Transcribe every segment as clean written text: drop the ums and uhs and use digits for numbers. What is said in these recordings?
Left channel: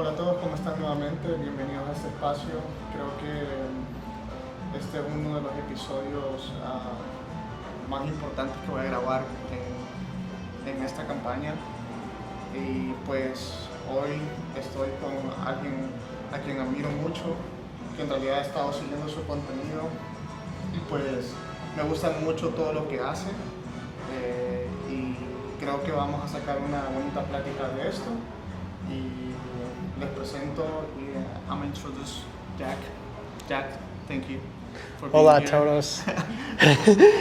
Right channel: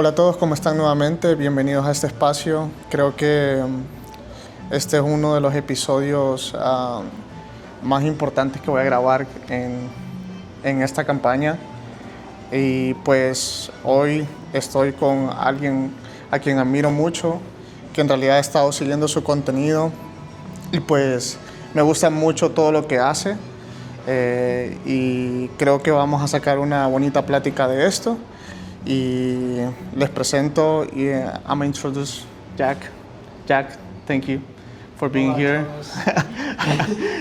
Hola a todos, ¿cómo están nuevamente? Bienvenidos a este espacio. Creo que este es uno de los episodios más importantes que voy a grabar en esta campaña. Y pues hoy estoy con alguien a quien admiro mucho, que en realidad he estado siguiendo su contenido y pues me gusta mucho todo lo que hace. Y creo que vamos a sacar una bonita plática de esto. Y les presento y I'm introduce Jack. Jack, thank you for being Hola here. todos.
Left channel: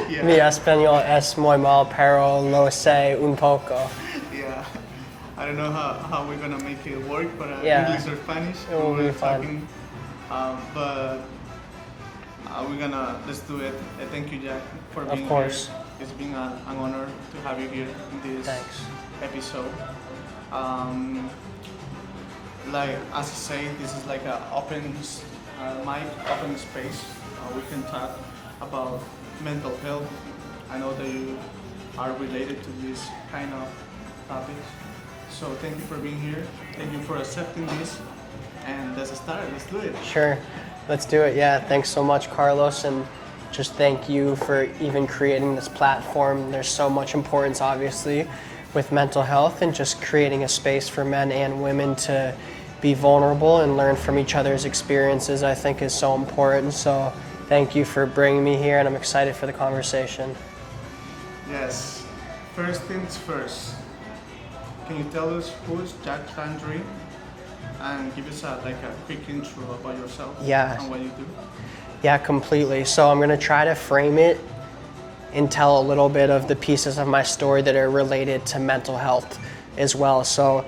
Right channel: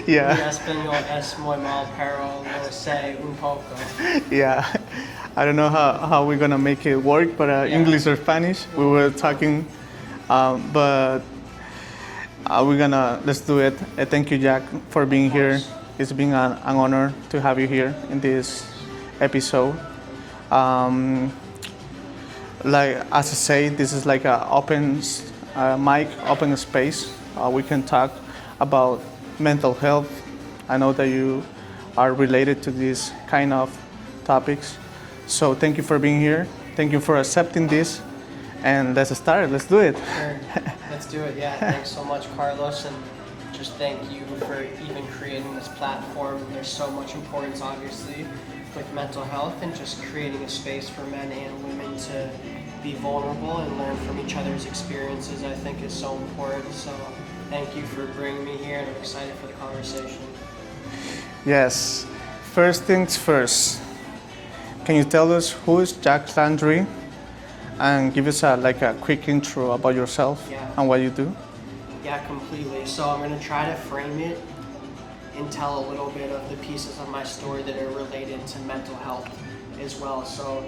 Yeah. Mi español es muy mal, pero lo sé un poco. Yeah. I don't know how we're gonna make it work, but Yeah. English or Spanish. It We will were be fun. talking, but let's do it. Thank you, Jack, for being here. course. It's been an honor to have you here in this Thanks. episode. Like as I say, this is like an open mic, open space. We can talk about mental health. I know that you are related to these kind of topics. So thank you for being here. Thank you for accepting this. And let's start. Let's do it. Sure, let's do it. Yeah, thanks so much, Carlos, and just thank you for even creating this platform. There's so much importance, obviously, with mental health and just creating a space for men and women to be vulnerable and learn from each other's experiences, I think is so important. So thank you for bringing me here, and I'm excited for the conversation. Yes. First things first. Can you tell us who is Jack Landry, and give us a quick intro about yourself? Yeah. And what you do? Yeah, completely. So I'm gonna try to frame it and tell a little bit of the pieces of my story that are related to mental health as well. So,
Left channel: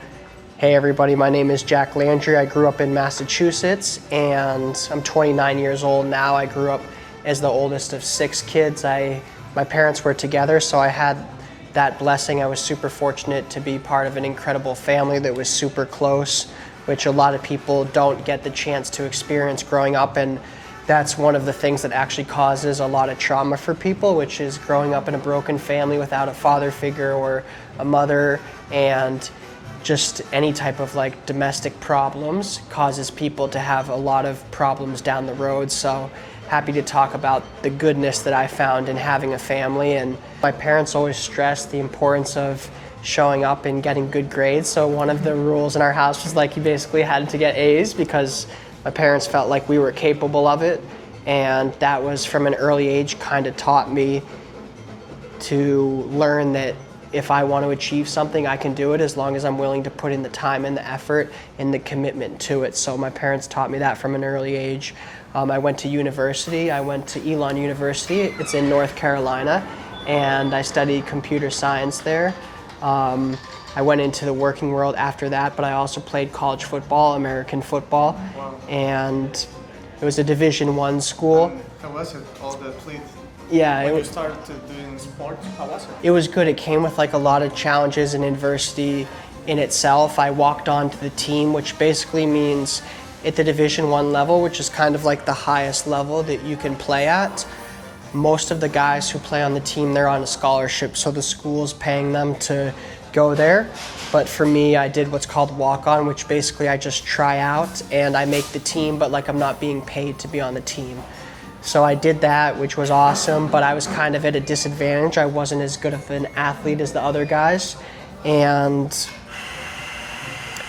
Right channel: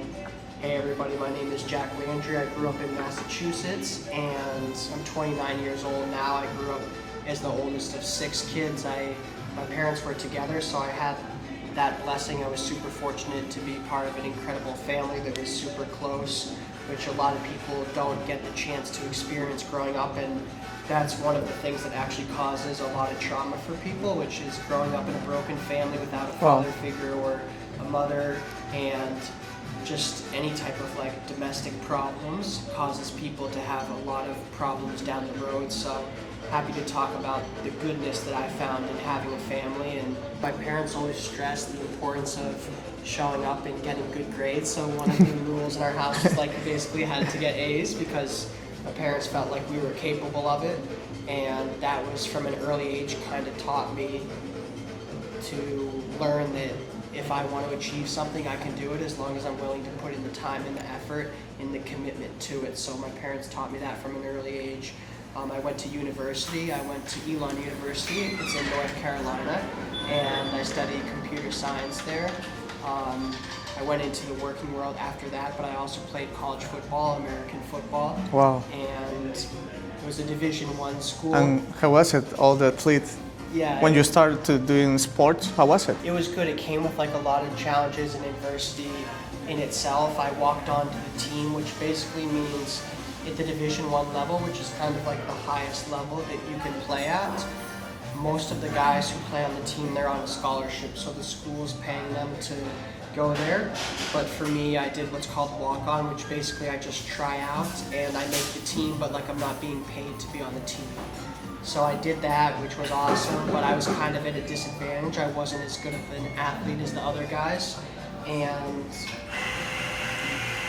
hey everybody, my name is Jack Landry. I grew up in Massachusetts and I'm 29 years old now. I grew up as the oldest of 6 kids. My parents were together, so I had that blessing. I was super fortunate to be part of an incredible family that was super close, which a lot of people don't get the chance to experience growing up, and that's one of the things that actually causes a lot of trauma for people, which is growing up in a broken family without a father figure or a mother, and just any type of like domestic problems causes people to have a lot of problems down the road. So happy to talk about the goodness that I found in having a family. And my parents always stressed the importance of showing up and getting good grades. So one of the rules in our house was like you basically had to get A's because my parents felt like we were capable of it, and that was from an early age kind of taught me to learn that if I want to achieve something, I can do it as long as I'm willing to put in the time and the effort and the commitment to it. So my parents taught me that from an early age. I went to university. I went to Elon University. It's in North Carolina, and I studied computer science there. I went into the working world after that, but I also played college football, American football. Wow. And it was a Division I school. And how was it, all the athletes? Yeah. When you started to doing sports, how was it? It was good. It came with like a lot of challenges and adversity in itself. I walked onto the team, which basically means at the Division I level, which is kind of like the highest level that you can play at. Most of the guys who play on the team, they're on a scholarship, so the school's paying them to go there. But for me, I did what's called walk-on, which basically I just try out and I make the team, but like I'm not being paid to be on the team. So I did that, which was awesome, but I was kind of at a disadvantage. I wasn't as good of an athlete as the other guys. And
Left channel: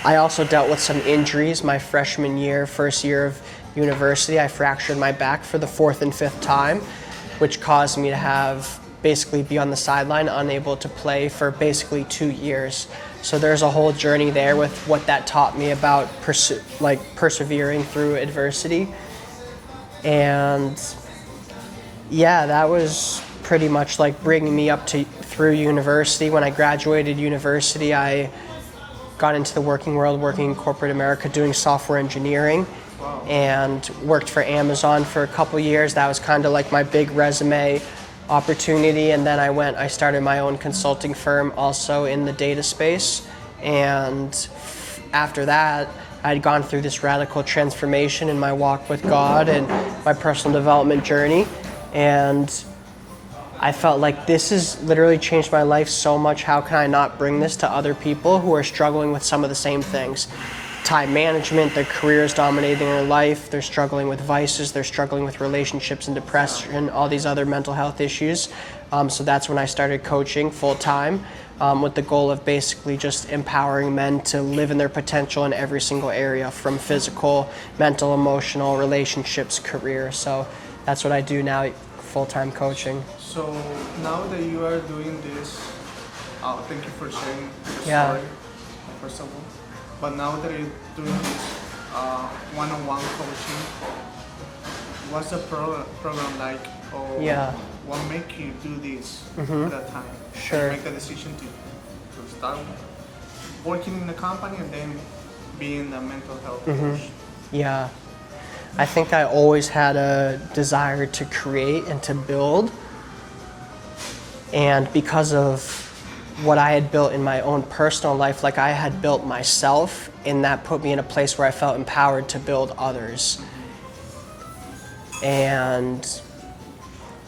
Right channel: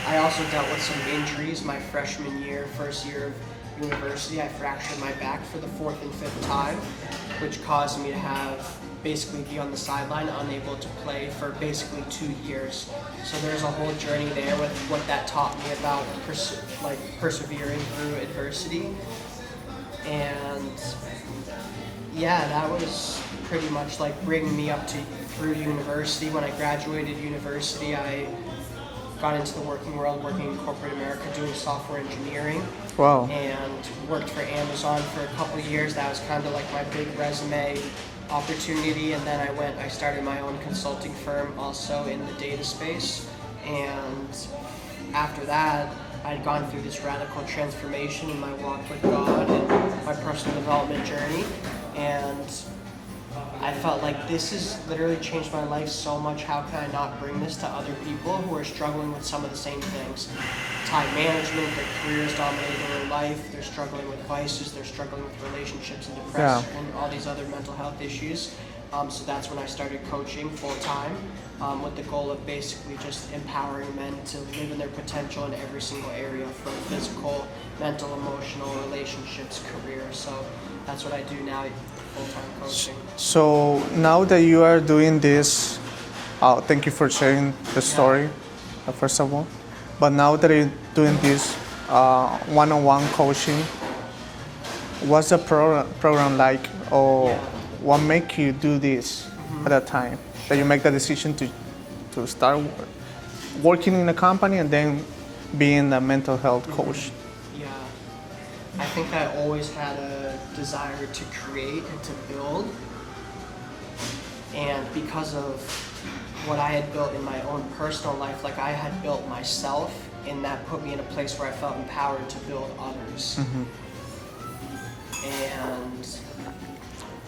I also dealt with some injuries my freshman year, first year of university. I fractured my back for the 4th and 5th time, which caused me to have basically be on the sideline, unable to play for basically 2 years. So there's a whole journey there with what that taught me about persevering through adversity. And yeah, that was pretty much like bringing me up to through university. When I graduated university, I got into the working world, working in corporate America, doing software engineering. Wow. And worked for Amazon for a couple years. That was kind of like my big resume opportunity. And then I started my own consulting firm also in the data space. And after that, I'd gone through this radical transformation in my walk with God and my personal development journey. And I felt like this has literally changed my life so much. How can I not bring this to other people who are struggling with some of the same things? time management, their career is dominating their life, they're struggling with vices, they're struggling with relationships and depression, all these other mental health issues. So that's when I started coaching full time, with the goal of basically just empowering men to live in their potential in every single area, from physical, mental, emotional, relationships, career. So that's what I do now, full-time coaching. So now that you are doing this, thank you for sharing the story, first of all. But now that you're doing this one-on-one coaching, what's the program like, or what make you do this at that time? Sure. That you make the decision to start working in a company and then being a mental health coach? Yeah, I think I always had a desire to create and to build, and because of what I had built in my own personal life, like I had built myself, and that put me in a place where I felt empowered to build others. And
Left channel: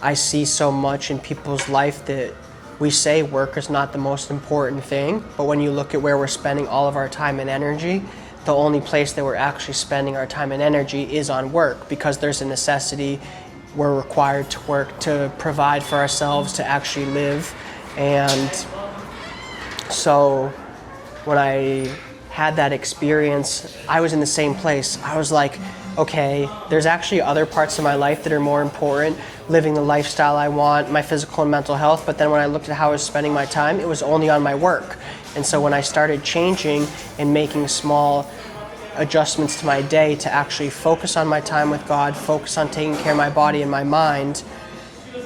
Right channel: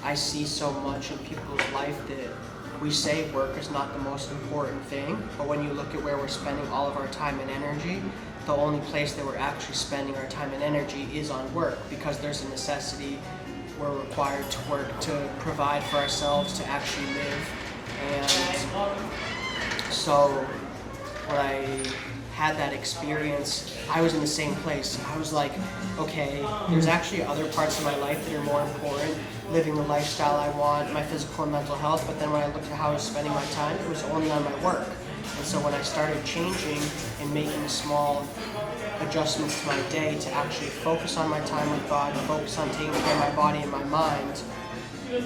I see so much in people's life that we say work is not the most important thing, but when you look at where we're spending all of our time and energy, the only place that we're actually spending our time and energy is on work, because there's a necessity. We're required to work to provide for ourselves, to actually live. And so when I had that experience, I was in the same place. I was like, okay, there's actually other parts of my life that are more important, living the lifestyle I want, my physical and mental health. But then when I looked at how I was spending my time, it was only on my work. And so when I started changing and making small adjustments to my day to actually focus on my time with God, focus on taking care of my body and my mind,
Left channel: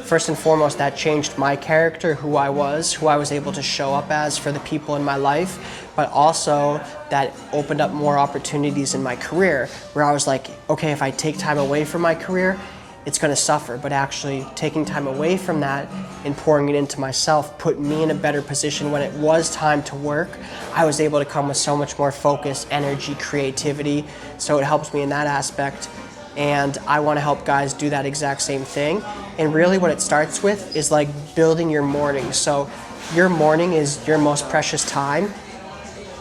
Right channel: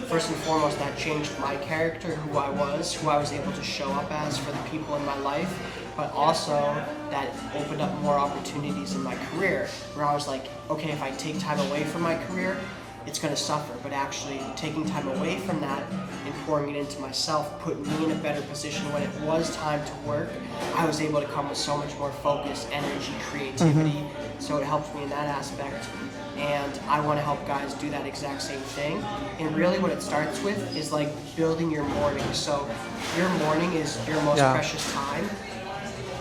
first and foremost, that changed my character, who I was able to show up as for the people in my life, but also that opened up more opportunities in my career, where I was like, okay, if I take time away from my career, it's gonna suffer, but actually taking time away from that and pouring it into myself put me in a better position. When it was time to work, I was able to come with so much more focus, energy, creativity, so it helps me in that aspect. And I want to help guys do that exact same thing. And really what it starts with is like building your morning. So your morning is your most precious time.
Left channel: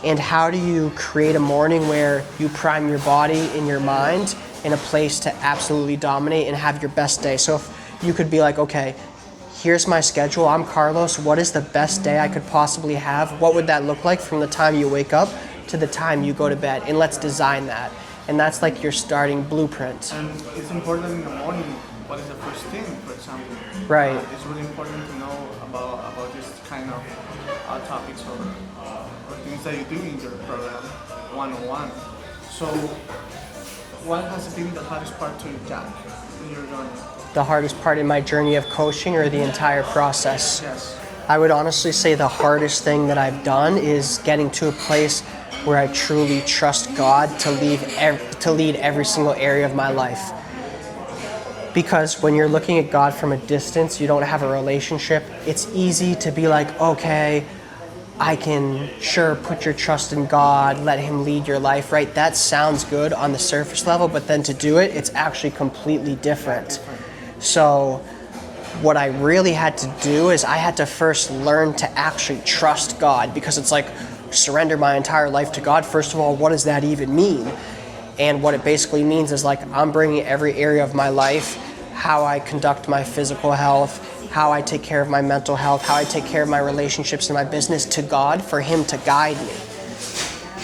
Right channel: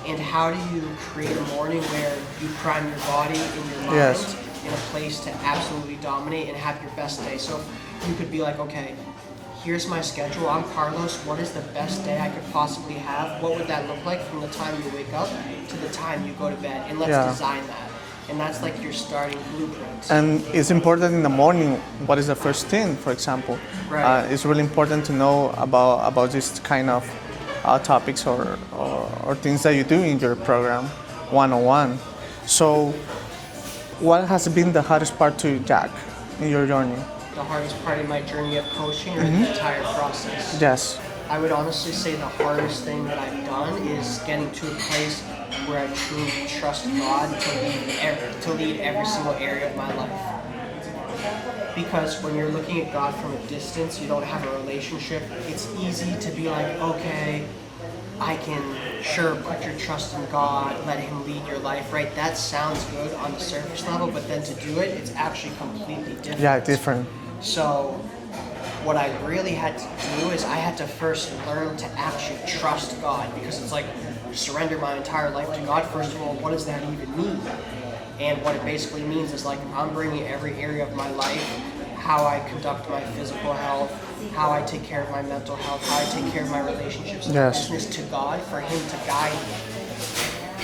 And how do you create a morning where you prime your body and your mind in a place to absolutely dominate and have your best day? So if you could be like, okay, here's my schedule, I'm Carlos, what is the best day I could possibly have? What would that look like from the time you wake up to the time you go to bed? And let's design that. And that's like your starting blueprint. And it's important in the morning, what is the first thing, for example. Right. It's really important to know about this kind of topics or things that you do in your program, one-on-one. So what has been the hardest part to Jack in your journey? The hardest part in my journey of coaching, or the entire process? Yes. I would honestly say the hardest thing that I've done is getting to a place where I truly trust God to lead every single area of my life. Because when you're looking at God from a distance, you don't have a relationship, it's easy to be like, okay, I can put your trust in God, let Him lead your life, right? That sounds good on the surface level, but then to do it, it's actually completely different. Yeah, different. So what I really had to do is I had to first learn to actually trust God, because it's like, surrender my entire life to God. First of all, what does that even mean? And what it basically means is like, I'm bringing every area of my life, how I conduct my physical health, how I take care of my mental health, how I take care of my relationships and my business, to God, for Him to guide me.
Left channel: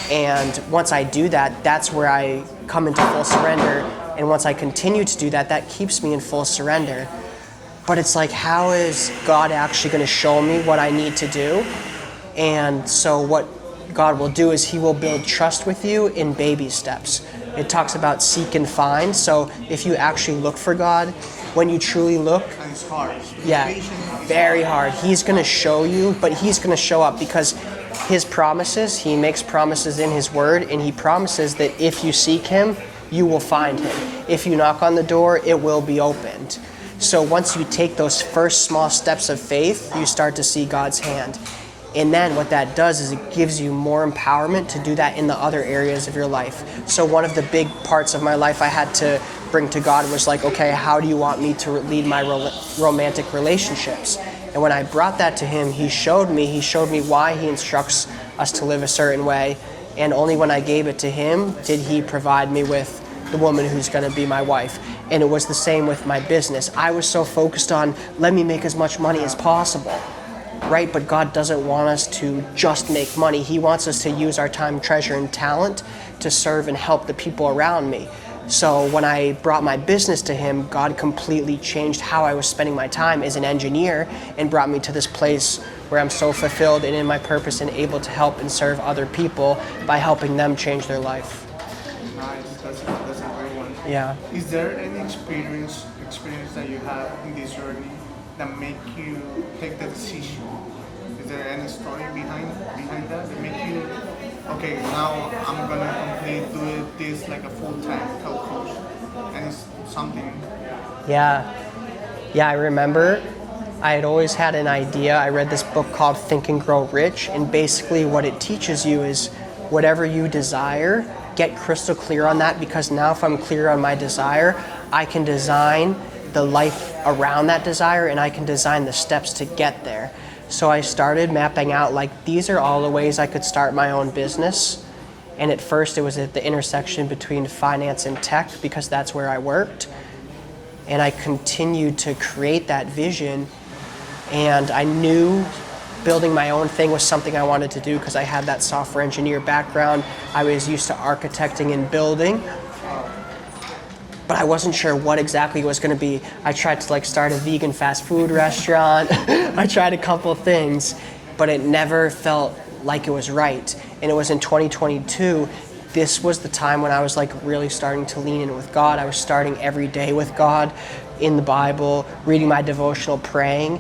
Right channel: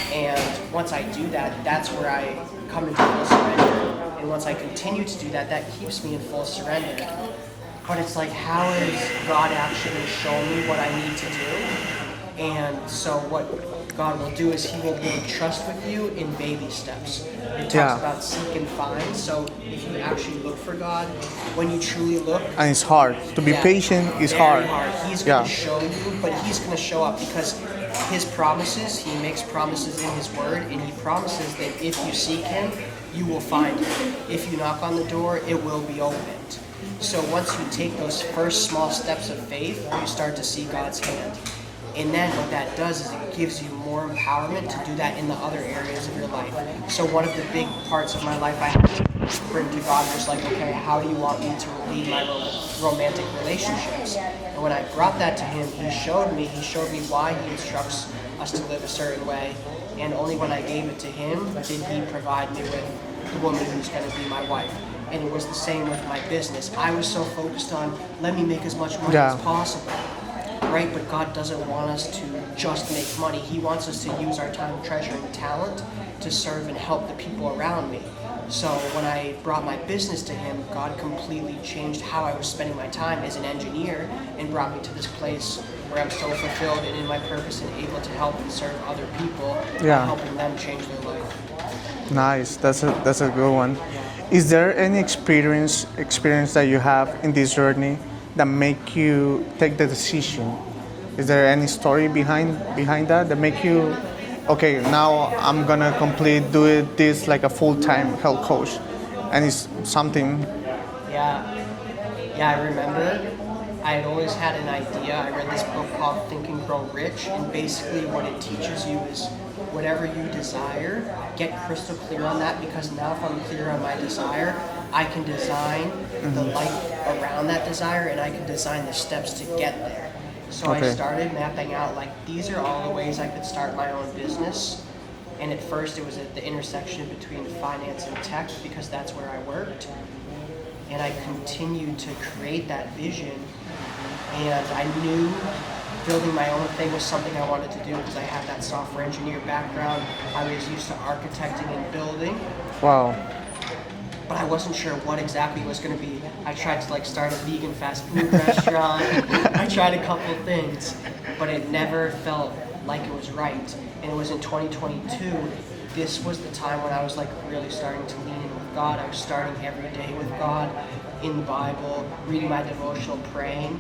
And once I do that, that's where I come into full surrender. And once I continue to do that, that keeps me in full surrender. But it's like, how is God actually going to show me what I need to do? And so what God will do is He will build trust with you in baby steps. It talks about seek and find. So if you actually look for God, when you truly look, And it's hard. To be patient is very hard. He's going to show you, but He's going to show up, because His promises, He makes promises in His word, and He promises that if you seek Him, you will find Him. If you knock on the door, it will be opened. So once you take those first small steps of faith, you start to see God's hand. And then what that does is it gives you more empowerment to do that in the other areas of your life. So one of the big parts of my life I had to bring to God was like, okay, how do you want me to lead my romantic relationships? And when I brought that to Him, He showed me why He instructs us to live a certain way. And only when I gave it to him did he provide me with the woman who's going to be my wife. And it was the same with my business. I was so focused on, let me make as much money as possible, right? But God doesn't want us to just make money. He wants us to use our time, treasure, and talent to serve and help the people around me. So when I brought my business to him, God completely changed how I was spending my time as an engineer and brought me to this place where I'm so fulfilled and in my purpose and able to help and serve other people by helping them change their life. Nice. That's a good one. Yeah. Is there any experience that you have in this journey that make you take the decision? Is there any story behind that make you, okay, now I'm gonna do this like a full-time health coach, and it's something? Yeah, I remember I had always had an idea. I read this book called Think and Grow Rich, and basically what it teaches you is whatever you desire, get crystal clear on that, because now if I'm clear on my desire, I can design the life around that desire, and I can design the steps to get there. So I started mapping out, like, these are all the ways I could start my own business. And at first it was at the intersection between finance and tech, because that's where I worked. And I continued to create that vision, and I knew building my own thing was something I wanted to do because I had that software engineer background. I was used to architecting and building. Wow. But I wasn't sure what exactly it was going to be. I tried to start a vegan fast food restaurant. I tried a couple things, but it never felt like it was right. And it was in 2022, this was the time when I was really starting to lean in with God. I was starting every day with God in the Bible, reading my devotional, praying.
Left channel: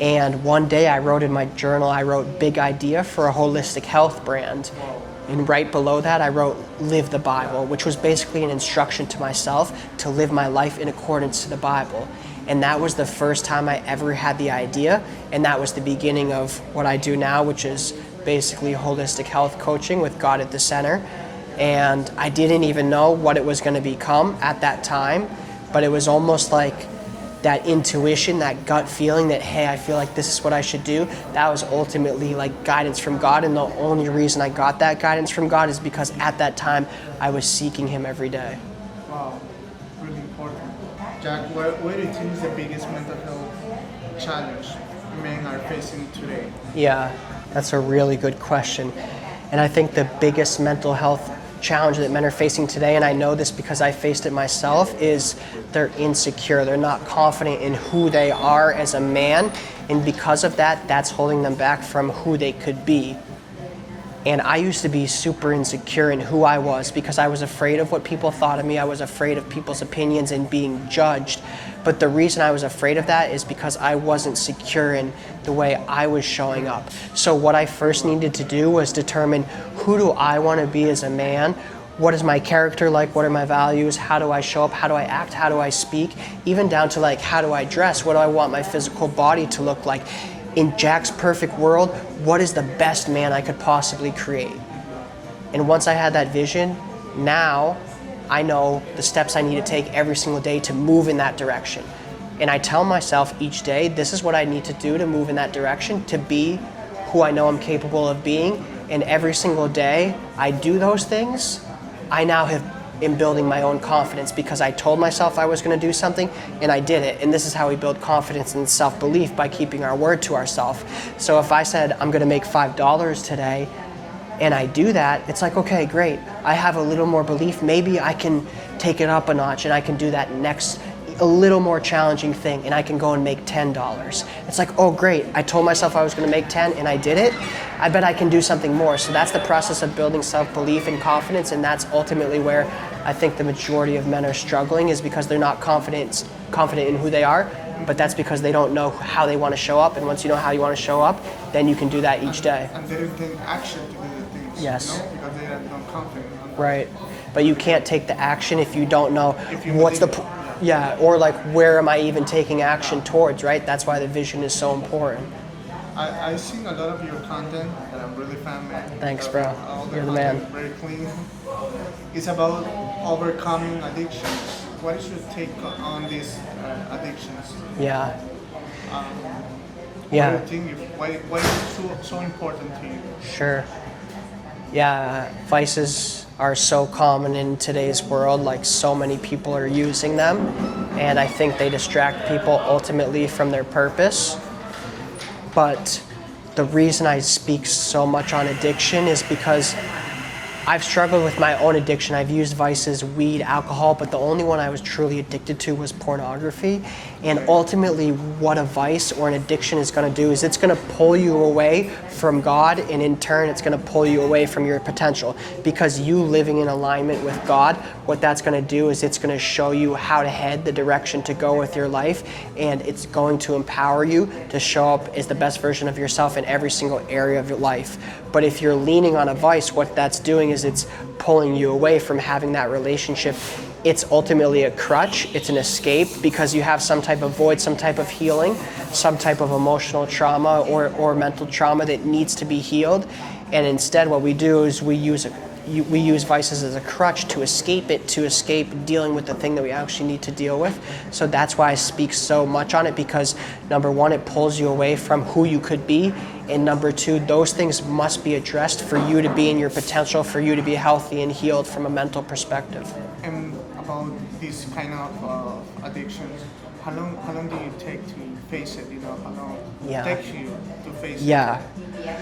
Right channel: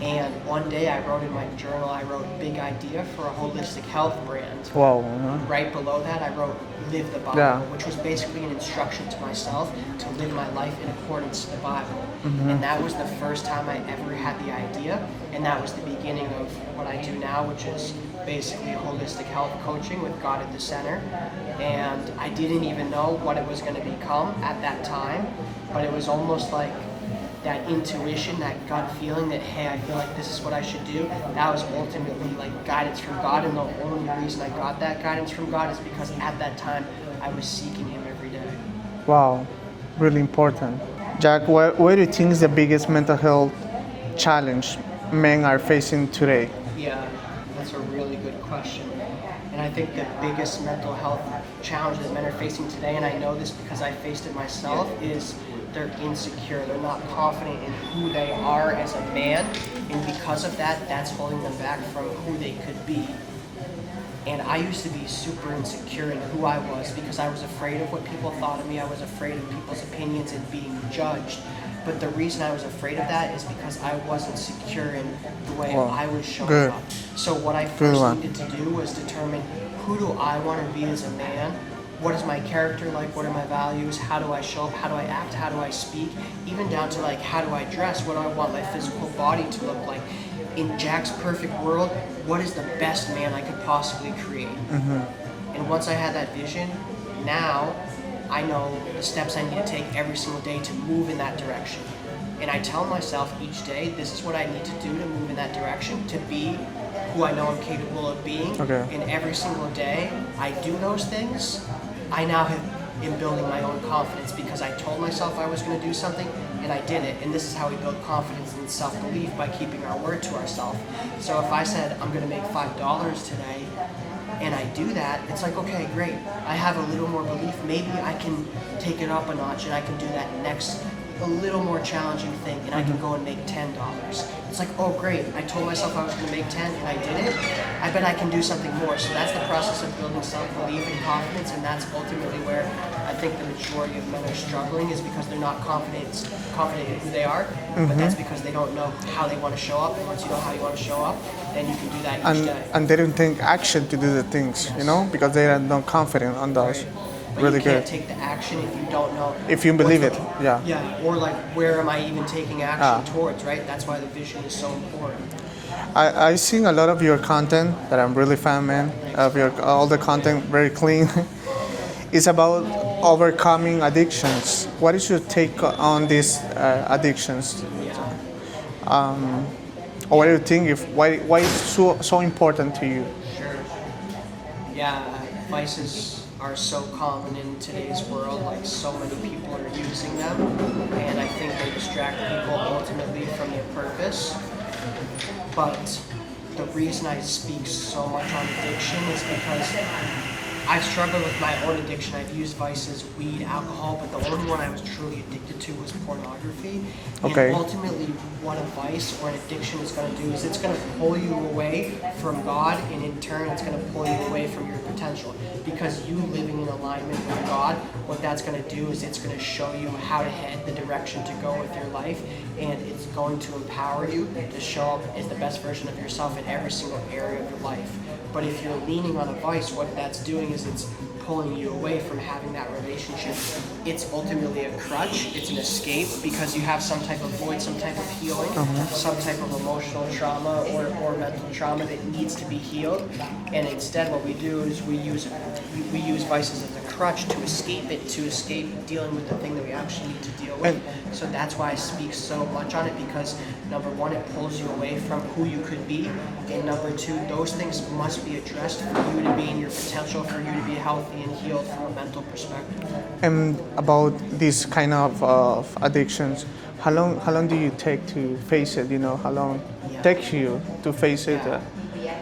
And one day I wrote in my journal, I wrote big idea for a holistic health brand. Whoa. And right below that, I wrote live the Bible, which was basically an instruction to myself to live my life in accordance to the Bible. And that was the first time I ever had the idea. And that was the beginning of what I do now, which is basically holistic health coaching with God at the center. And I didn't even know what it was going to become at that time, but it was almost like that intuition, that gut feeling that, hey, I feel like this is what I should do. That was ultimately guidance from God, and the only reason I got that guidance from God is because at that time I was seeking Him every day. Wow, really important. Jack, what do you think is the biggest mental health challenge men are facing today? Yeah, that's a really good question. And I think the biggest mental health challenge that men are facing today, and I know this because I faced it myself, is they're insecure. They're not confident in who they are as a man, and because of that, that's holding them back from who they could be. And I used to be super insecure in who I was because I was afraid of what people thought of me. I was afraid of people's opinions and being judged. But the reason I was afraid of that is because I wasn't secure in the way I was showing up. So what I first needed to do was determine, who do I want to be as a man? What is my character like? What are my values? How do I show up? How do I act? How do I speak? Even down to how do I dress? What do I want my physical body to look like? In Jack's perfect world, what is the best man I could possibly create? And once I had that vision, now I know the steps I need to take every single day to move in that direction. And I tell myself each day, this is what I need to do to move in that direction, to be who I know I'm capable of being. And every single day I do those things, I now am building my own confidence because I told myself I was going to do something and I did it. And this is how we build confidence and self-belief, by keeping our word to ourselves. So if I said I'm going to make $5 today, and I do that, it's okay, great. I have a little more belief. Maybe I can take it up a notch and I can do that next, a little more challenging thing, and I can go and make $10. It's oh great, I told myself I was gonna make 10 and I did it. I bet I can do something more. So that's the process of building self-belief and confidence, and that's ultimately where I think the majority of men are struggling, is because they're not confident in who they are, but that's because they don't know how they want to show up. And once you know how you want to show up, then you can do that each day. And they don't take action to do the things, because they are not confident on those. Right. But really you can't take the action if you don't know. If you believe it. Or where am I even taking action towards, right? That's why the vision is so important. I've seen a lot of your content that I'm really fan, man. Thanks, all the content, very clean. It's about overcoming addictions. What is your take on these addictions? Yeah. What do you think? Why is it so important to you? Sure. Yeah, vices are so common in today's world, like so many people are using them, and I think they distract people ultimately from their purpose. But the reason I speak so much on addiction is because I've struggled with my own addiction. I've used vices, weed, alcohol, but the only one I was truly addicted to was pornography. And Okay. ultimately, what a vice or an addiction is going to do is it's going to pull you away from God, and in turn, it's going to pull you away from your potential. Because you living in alignment with God, what that's going to do is it's going to show you how to head, the direction to go with your life, and it's going to empower you to show up as the best version of yourself in every single area of your life. But if you're leaning on a vice, what that's doing is it's pulling you away from having that relationship. It's ultimately a crutch, it's an escape, because you have some type of void, some type of healing, some type of emotional trauma or mental trauma that needs to be healed. And instead what we do is we use vices as a crutch to escape it, to escape dealing with the thing that we actually need to deal with. So that's why I speak so much on it, because number one, it pulls you away from who you could be, and number two, those things must be addressed for you to be in your potential, for you to be healthy and healed from a mental perspective. And about these kind of addictions, how long do you take to face it? You know, how long Yeah. it takes you to face Yeah. it?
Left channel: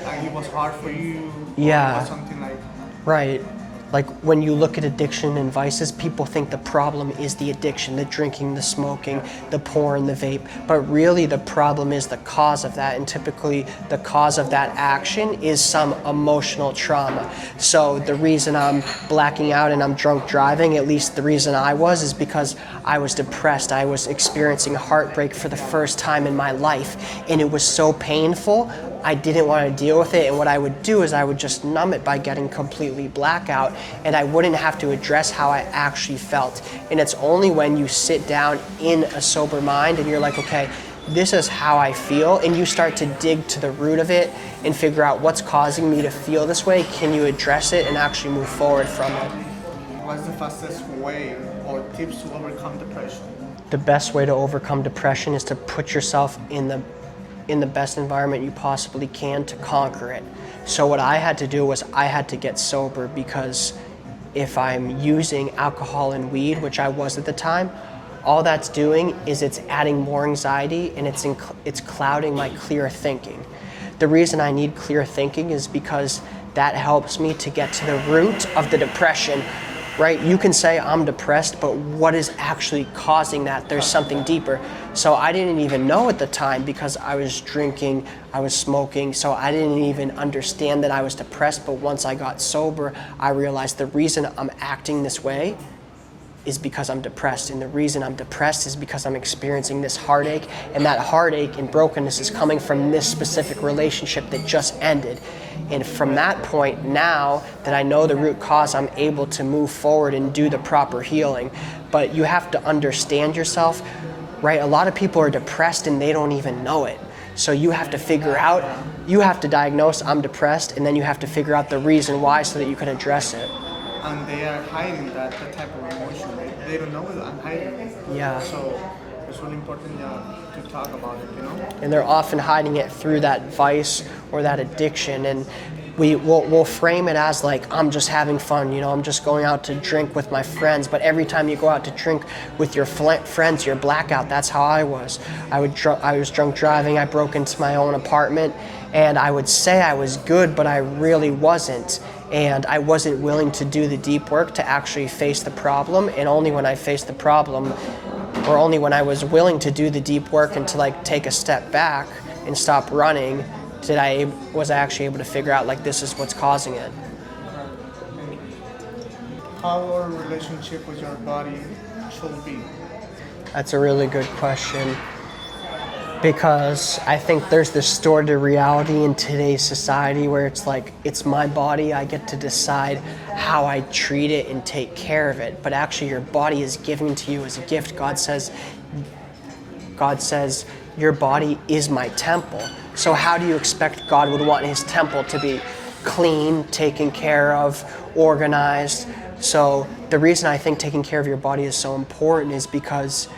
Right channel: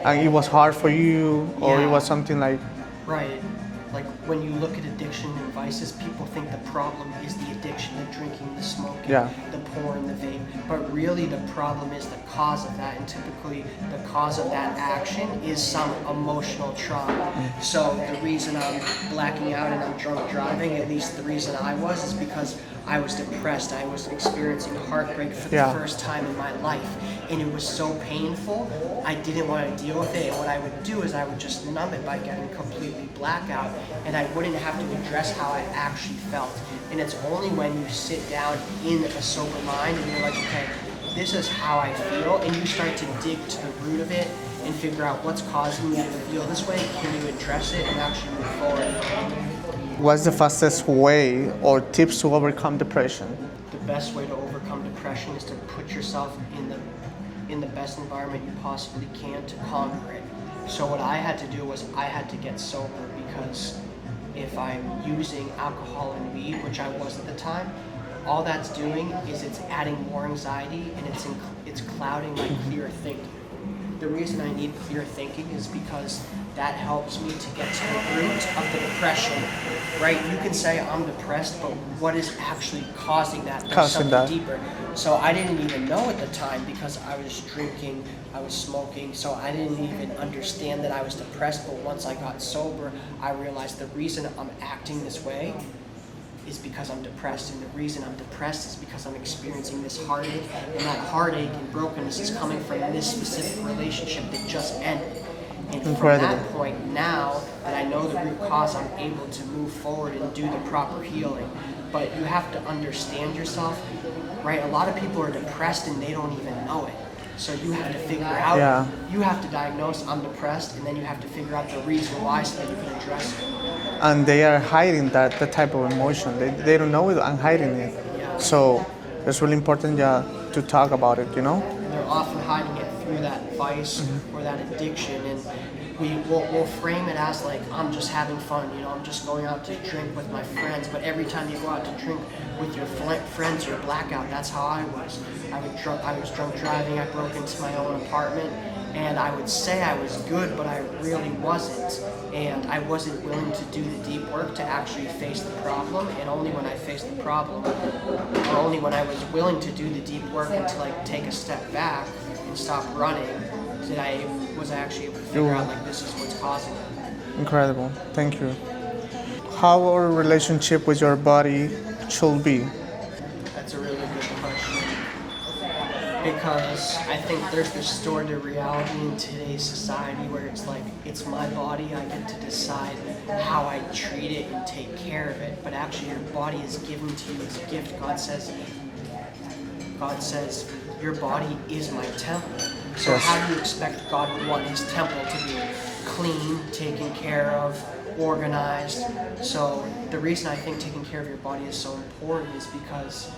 And it was hard for you, or Yeah. it was something like, Right. Like when you look at addiction and vices, people think the problem is the addiction, the drinking, the smoking, Yeah. the porn, the vape. But really the problem is the cause of that. And typically the cause of that action is some emotional trauma. So the reason I'm blacking out and I'm drunk driving, at least the reason I was, is because I was depressed. I was experiencing heartbreak for the Yeah. first time in my life. And it was so painful, I didn't want to deal with it. And what I would do is I would just numb it by getting completely blackout, and I wouldn't have to address how I actually felt. And it's only when you sit down in a sober mind and you're like, okay, this is how I feel, and you start to dig to the root of it and figure out what's causing me to feel this way. Can you address it and actually move forward from it? what's the fastest way or tips to overcome depression? The best way to overcome depression is to put yourself in the best environment you possibly can to conquer it. So what I had to do was I had to get sober, because if I'm using alcohol and weed, which I was at the time, all that's doing is it's adding more anxiety, and it's clouding my clear thinking. The reason I need clear thinking is because that helps me to get to the root of the depression, right? You can say I'm depressed, but what is actually causing that? There's something deeper. So I didn't even know at the time, because I was drinking, I was smoking, so I didn't even understand that I was depressed. But once I got sober, I realized the reason I'm acting this way is because I'm depressed, and the reason I'm depressed is because I'm experiencing this heartache, and that heartache and brokenness is coming from this specific relationship that just ended. And from that point, now that I know the root cause, I'm able to move forward and do the proper healing. But you have to understand yourself, right? A lot of people are depressed and they don't even know it. So you have to figure out, you have to diagnose I'm depressed, and then you have to figure out the reason why so that you can address it. And they are hiding that type of emotion. They don't know it and hiding it. Yeah. So it's really important to talk about it, you know? And they're often hiding it through that vice or that addiction. And we'll frame it as like, I'm just having fun, you know, I'm just going out to drink with my friends. But every time you go out to drink with your friends, you're blackout. That's how I was. I was drunk driving. I broke into my own apartment, and I would say I was good, but I really wasn't. And I wasn't willing to do the deep work to actually face the problem. And only when I faced the problem, or only when I was willing to do the deep work and to like take a step back and stop running, was I actually able to figure out like this is what's causing it. Incredible. Thank you. How our relationship with your body should be? That's a really good question, because I think there's this distorted reality in today's society where it's like, it's my body, I get to decide how I treat it and take care of it. But actually your body is given to you as a gift. God says your body is my temple. So how do you expect God would want his temple to be clean, taken care of, organized? So the reason I think taking care of your body is so important is because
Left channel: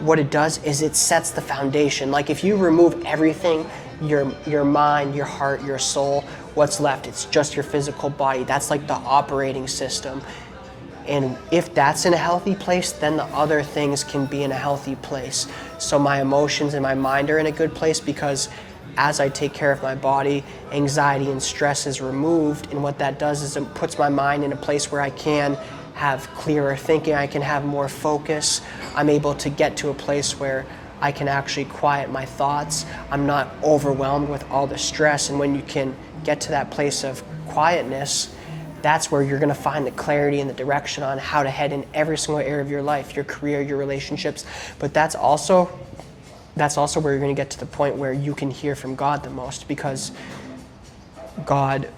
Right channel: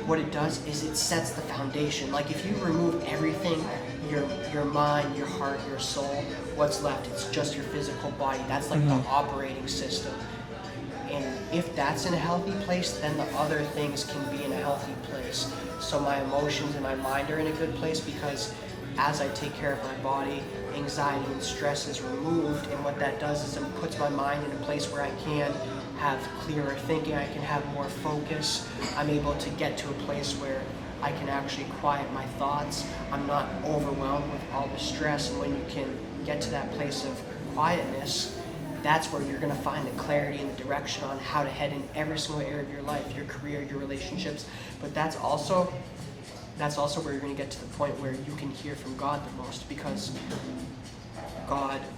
what it does is it sets the foundation. Like if you remove everything your mind, your heart, your soul. What's left? It's just your physical body. That's like the operating system. And if that's in a healthy place, then the other things can be in a healthy place. So my emotions and my mind are in a good place because as I take care of my body, anxiety and stress is removed. And what that does is it puts my mind in a place where I can have clearer thinking, I can have more focus. I'm able to get to a place where I can actually quiet my thoughts. I'm not overwhelmed with all the stress. And when you can get to that place of quietness, that's where you're going to find the clarity and the direction on how to head in every single area of your life, your career, your relationships. But that's also where you're going to get to the point where you can hear from God the most, because God,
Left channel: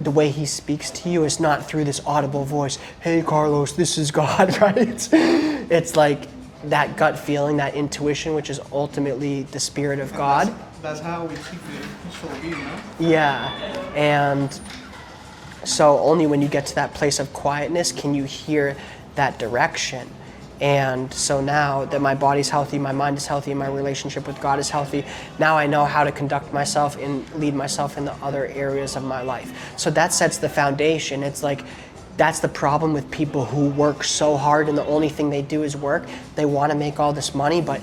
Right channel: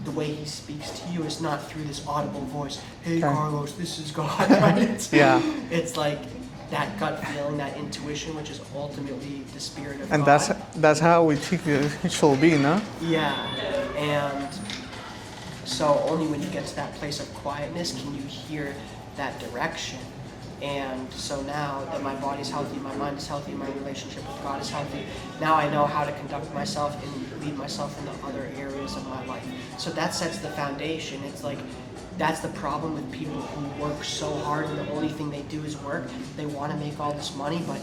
the way he speaks to you is not through this audible voice. Hey, Carlos, this is God, right? Yeah. It's like that gut feeling, that intuition, which is ultimately the spirit of God. And that's how we think it should be, no? Yeah. And so only when you get to that place of quietness can you hear that direction. And so now that my body's healthy, my mind is healthy, my relationship with God is healthy, now I know how to conduct myself and lead myself in the other areas of my life. So that sets the foundation. It's like, that's the problem with people who work so hard and the only thing they do is work. They want to make all this money, but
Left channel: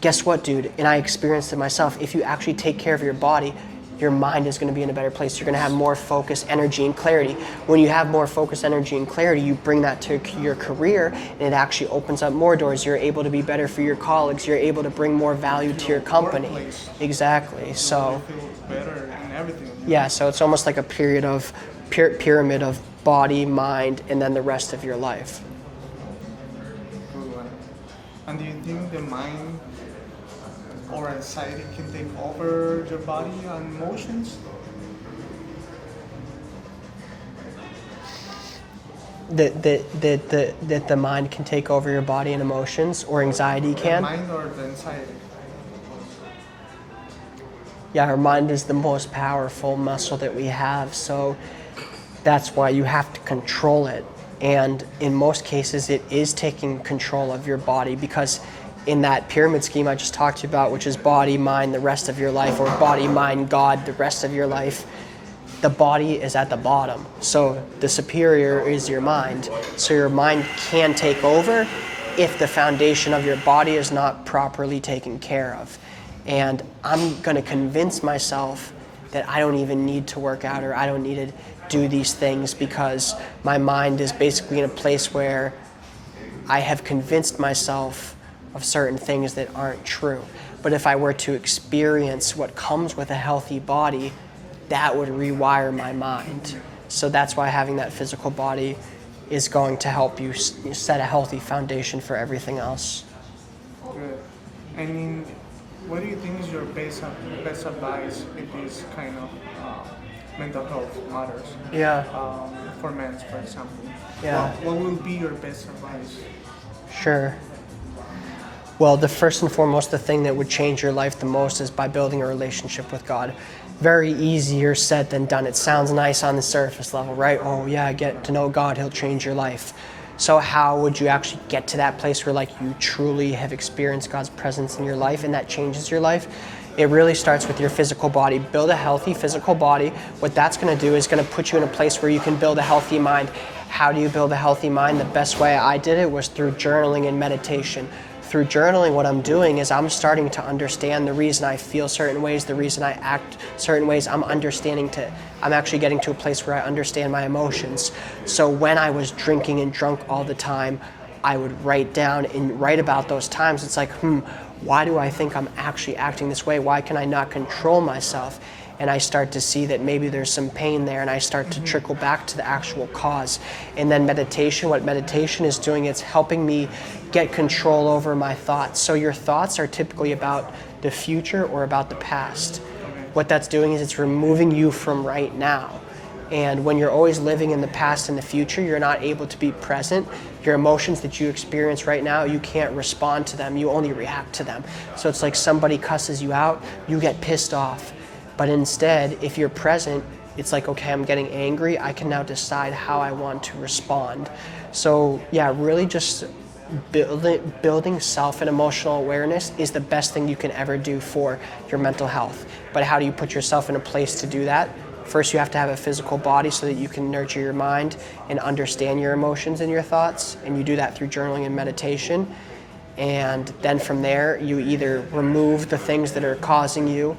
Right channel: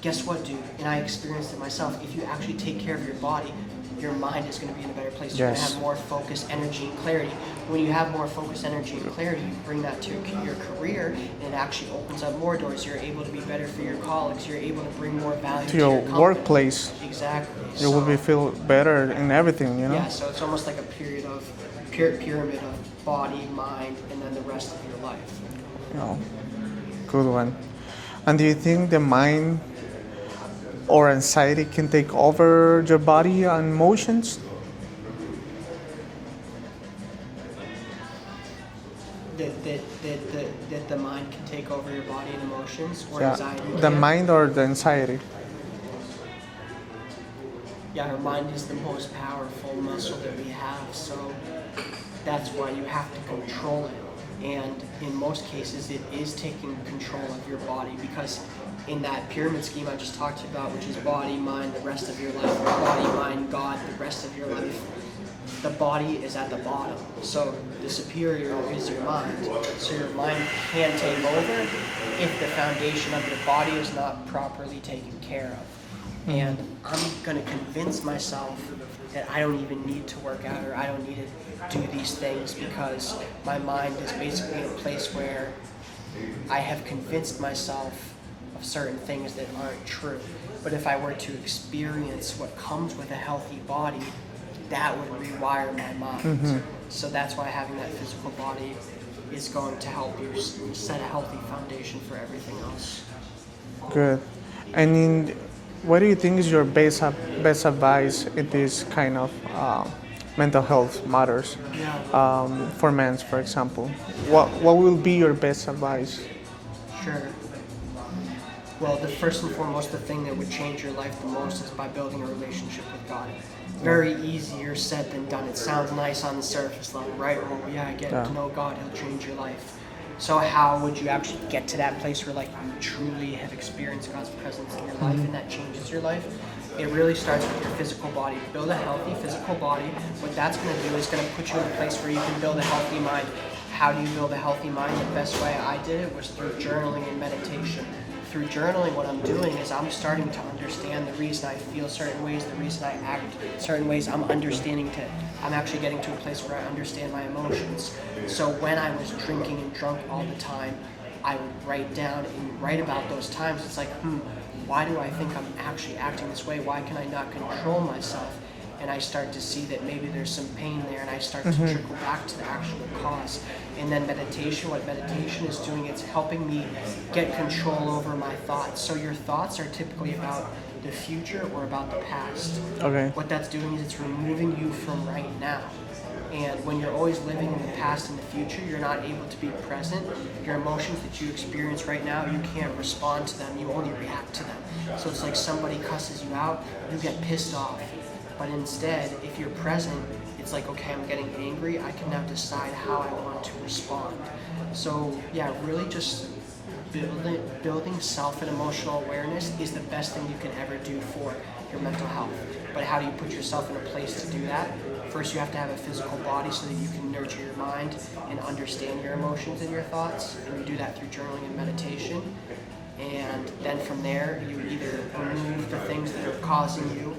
guess what, dude? And I experienced it myself. If you actually take care of your body, your mind is going to be in a better place. You're going to have more focus, energy, and clarity. When you have more focus, energy, and clarity, you bring that to your career, and it actually opens up more doors. You're able to be better for your colleagues. You're able to bring more value to your company. Workplace. Exactly. You will feel better in everything, you know? Yeah, so it's almost like a period of pyramid of body, mind, and then the rest of your life. Oh, good one. And do you think the mind or anxiety can take over your body and emotions? That the mind can take over your body and emotions, or anxiety can? The mind or the anxiety? Yeah, our mind is the most powerful muscle that we have, so that's why you have to control it. And in most cases, it is taking control of your body, because in that pyramid scheme I just talked to you about, which is body, mind, the rest of your life, or body, mind, God, the rest of your life, the body is at the bottom. So the superior is your mind. So your mind can take over if the foundation of your body is not properly taken care of. And I'm going to convince myself that I don't even need to work out, or I don't need to do these things, because my mind is basically in a place where I have convinced myself of certain things that aren't true. But if I were to experience what comes with a healthy body, that would rewire my mind. Mm-hmm. So that's why having that physical body is going to help you set a healthy foundation for everything else. Good. And what do you think is your best advice in this kind of mental health matters? Yeah. For men, for example. Yeah. What will be your best advice? Sure. Well, the first and foremost, the thing that would change your life the most is by building a relationship with God. Very easier said than done. It sounds nice on the surface level, right? Oh yeah, get to know God, he'll change your life. So how would you actually get to that place where like you truly have experienced God's presence in your life and that changes your life? It really starts with your physical body. Build a healthy physical body. What that's going to do is going to put you in a place where you can build a healthy mind. How do you build a healthy mind? The best way I did it was through journaling and meditation. Through journaling, what I'm doing is I'm starting to understand the reason I feel certain ways, the reason I act certain ways. I'm actually getting to a place where I understand my emotions. So when I was drinking and drunk all the time, I would write down and write about those times. It's like, why do I think I'm actually acting this way? Why can I not control myself? And I start to see that maybe there's some pain there, and I start to trickle back to the actual cause. And then meditation, what meditation is doing, it's helping me get control over my thoughts. So your thoughts are typically about the future or about the past. Okay. What that's doing is it's removing you from right now. And when you're always living in the past and the future, you're not able to be present. Your emotions that you experience right now, you can't respond to them. You only react to them. So it's like somebody cusses you out, you get pissed off. But instead, if you're present, it's like, okay, I'm getting angry. I can now decide how I want to respond. So yeah, really just building self and emotional awareness is the best thing you can ever do for your mental health. But how do you put yourself in a place to do that? First, you have to have a physical body so that you can nurture your mind and understand your emotions and your thoughts. And you do that through journaling and meditation. And then from there, you either remove the things that are causing you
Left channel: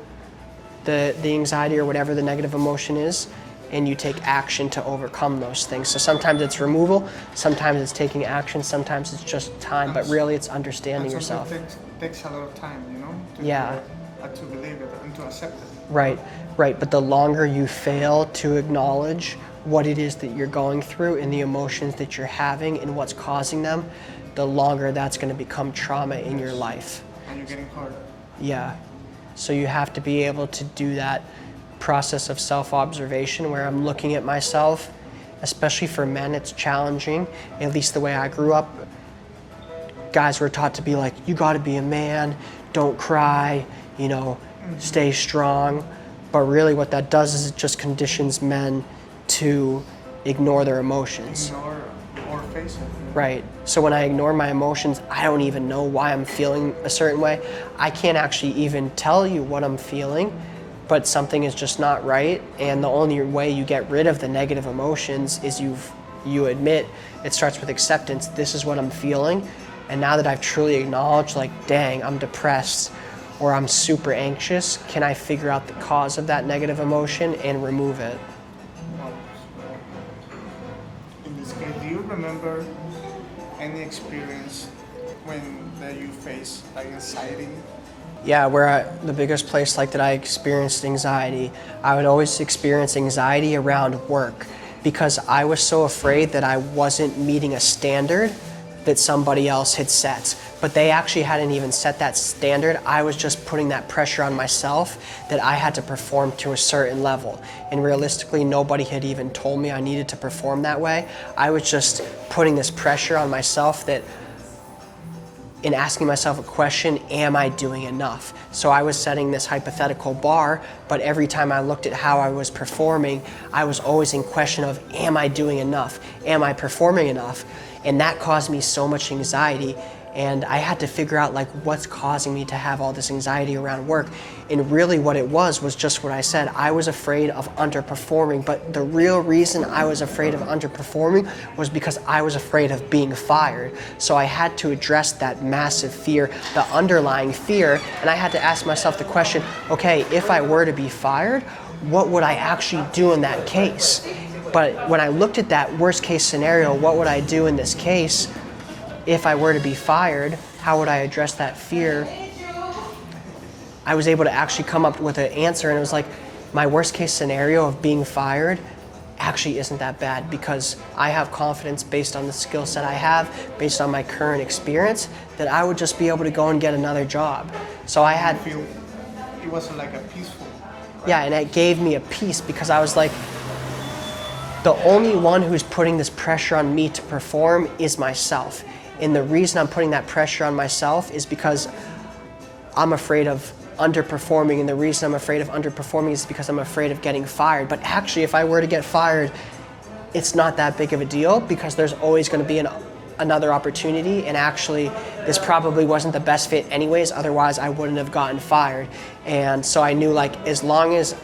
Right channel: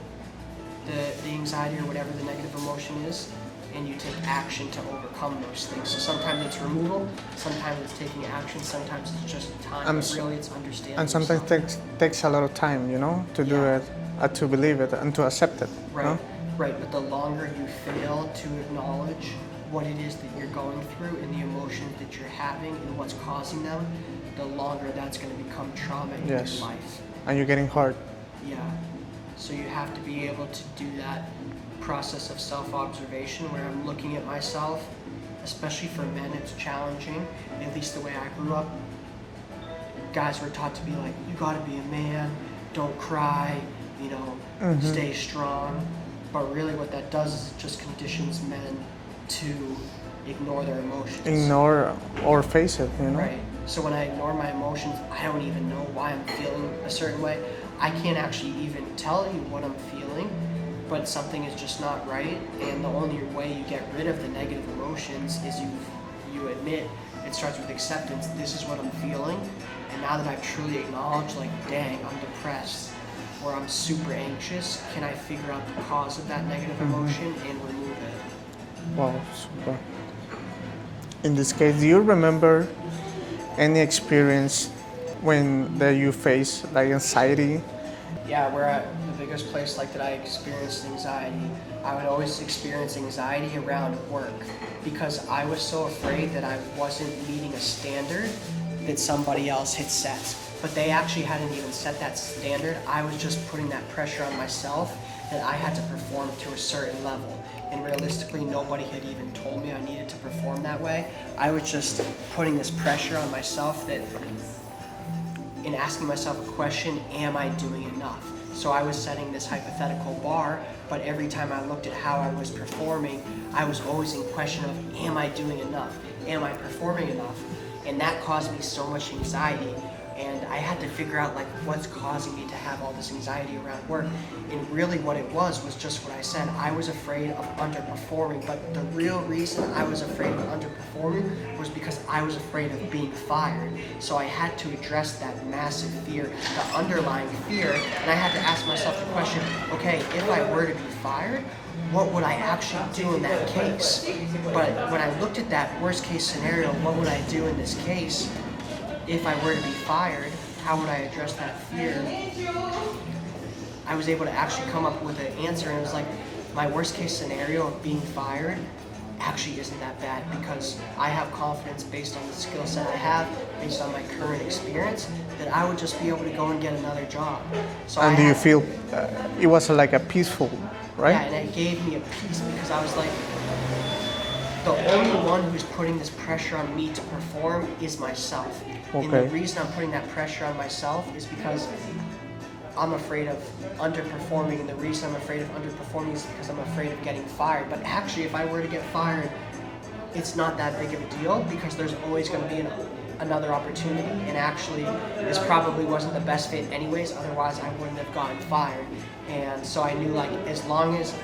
the anxiety or whatever the negative emotion is, and you take action to overcome those things. So sometimes it's removal, sometimes it's taking action, sometimes it's just time, but really it's understanding yourself. And sometimes takes a lot of time, to do it, to believe it, and to accept it. Right, right. But the longer you fail to acknowledge what it is that you're going through and the emotions that you're having and what's causing them, the longer that's going to become trauma in your life. And you're getting hard. Yeah. So you have to be able to do that process of self-observation where I'm looking at myself. Especially for men, it's challenging, at least the way I grew up. Guys were taught to be like, you got to be a man, don't cry, stay strong. But really what that does is it just conditions men to ignore their emotions. Ignore or face it. Right. So when I ignore my emotions, I don't even know why I'm feeling a certain way. I can't actually even tell you what I'm feeling, but something is just not right. And the only way you get rid of the negative emotions is you admit. It starts with acceptance. This is what I'm feeling. And now that I've truly acknowledged, like, dang, I'm depressed or I'm super anxious, can I figure out the cause of that negative emotion and remove it? Wow, super. In this case, do you remember any experience that you face like anxiety? Yeah, the biggest place that I experienced anxiety, I would always experience anxiety around work because I was so afraid that I wasn't meeting a standard that somebody else had set. But they actually hadn't even set that standard. I was just putting that pressure on myself that I had to perform to a certain level. And realistically, nobody had even told me I needed to perform that way. I was just putting this pressure on myself that in asking myself a question, am I doing enough? So I was setting this hypothetical bar, but every time I looked at how I was performing, I was always in question of, am I doing enough? Am I performing enough? And that caused me so much anxiety. And I had to figure out what's causing me to have all this anxiety around work. And really what it was just what I said. I was afraid of underperforming, but the real reason I was afraid of underperforming was because I was afraid of being fired. So I had to address that massive fear, the underlying fear, and I had to ask myself the question, okay, if I were to be fired, what would I actually do in that case? But when I looked at that worst case scenario, what would I do in this case? If I were to be fired, how would I address that fear? I was able to actually come up with an answer, and it was like, my worst case scenario of being fired actually isn't that bad because I have confidence based on the skill set I have, based on my current experience, that I would just be able to go and get another job. So and you feel it was like a peaceful, right? Yeah, and it gave me a peace because I was like, the only one who's putting this pressure on me to perform is myself. Okay. And the reason I'm putting that pressure on myself is because I'm afraid of underperforming, and the reason I'm afraid of underperforming is because I'm afraid of getting fired. But actually, if I were to get fired, it's not that big of a deal because there's always going to be another opportunity, and actually, this probably wasn't the best fit anyways, otherwise I wouldn't have gotten fired. And so I knew as long as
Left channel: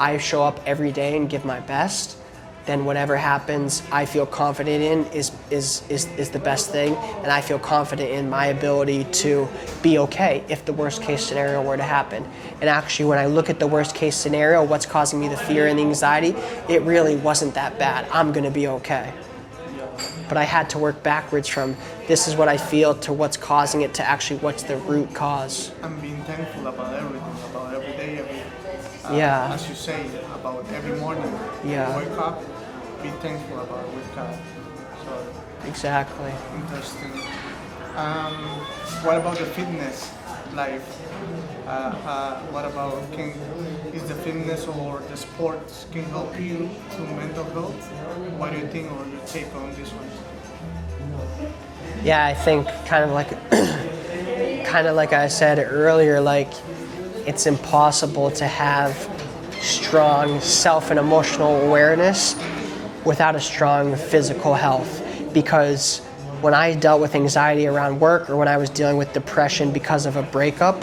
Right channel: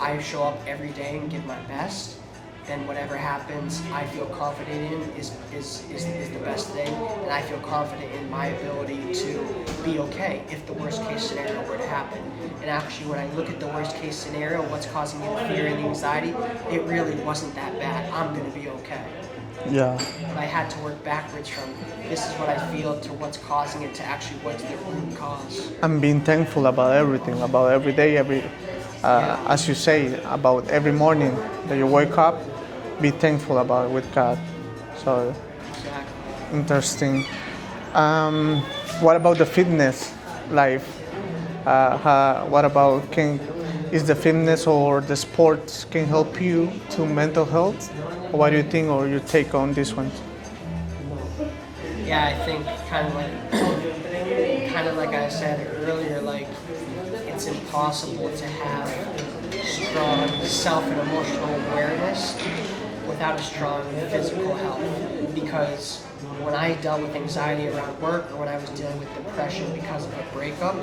I show up every day and give my best, then whatever happens, I feel confident in is the best thing, and I feel confident in my ability to be okay if the worst case scenario were to happen. And actually, when I look at the worst case scenario, what's causing me the fear and the anxiety, it really wasn't that bad. I'm gonna be okay. Yeah. But I had to work backwards from this is what I feel to what's causing it to actually what's the root cause. I'm being thankful about everything, about every day, as you say, about every morning when you wake up. Be thankful about it with God. So exactly. Interesting. What about the fitness life? What about is the fitness or the sports can help you to mental health? What do you think, or your take on this one? Yeah, I think kind of like I said earlier, it's impossible to have strong self and emotional awareness without a strong physical health, because when I dealt with anxiety around work or when I was dealing with depression because of a breakup,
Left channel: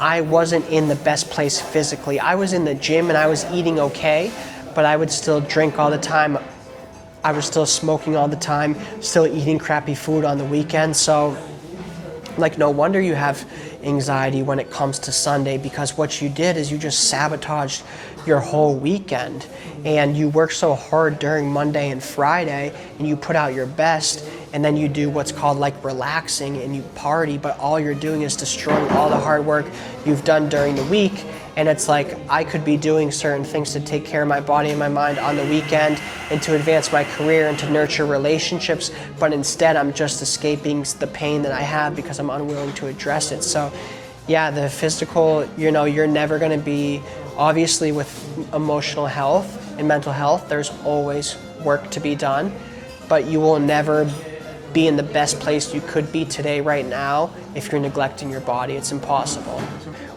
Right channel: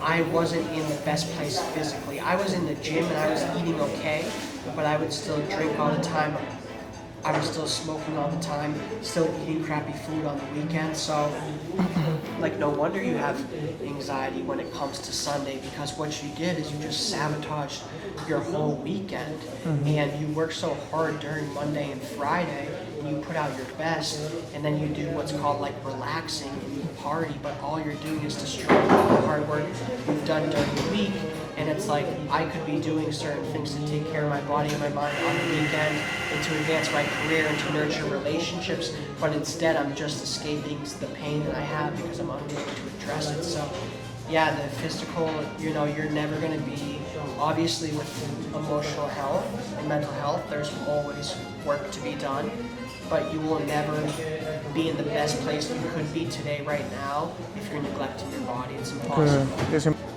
I wasn't in the best place physically. I was in the gym and I was eating okay, but I would still drink all the time. I was still smoking all the time, still eating crappy food on the weekend. So, like, no wonder you have anxiety when it comes to Sunday, because what you did is you just sabotaged your whole weekend. And you work so hard during Monday and Friday, and you put out your best, and then you do what's called like relaxing and you party, but all you're doing is destroying all the hard work you've done during the week. And it's like, I could be doing certain things to take care of my body and my mind on the weekend and to advance my career and to nurture relationships, but instead I'm just escaping the pain that I have because I'm unwilling to address it. So yeah, the physical, you're never gonna be, obviously with emotional health and mental health, there's always work to be done, but you will never be in the best place you could be today, right now, if you're neglecting your body. It's impossible.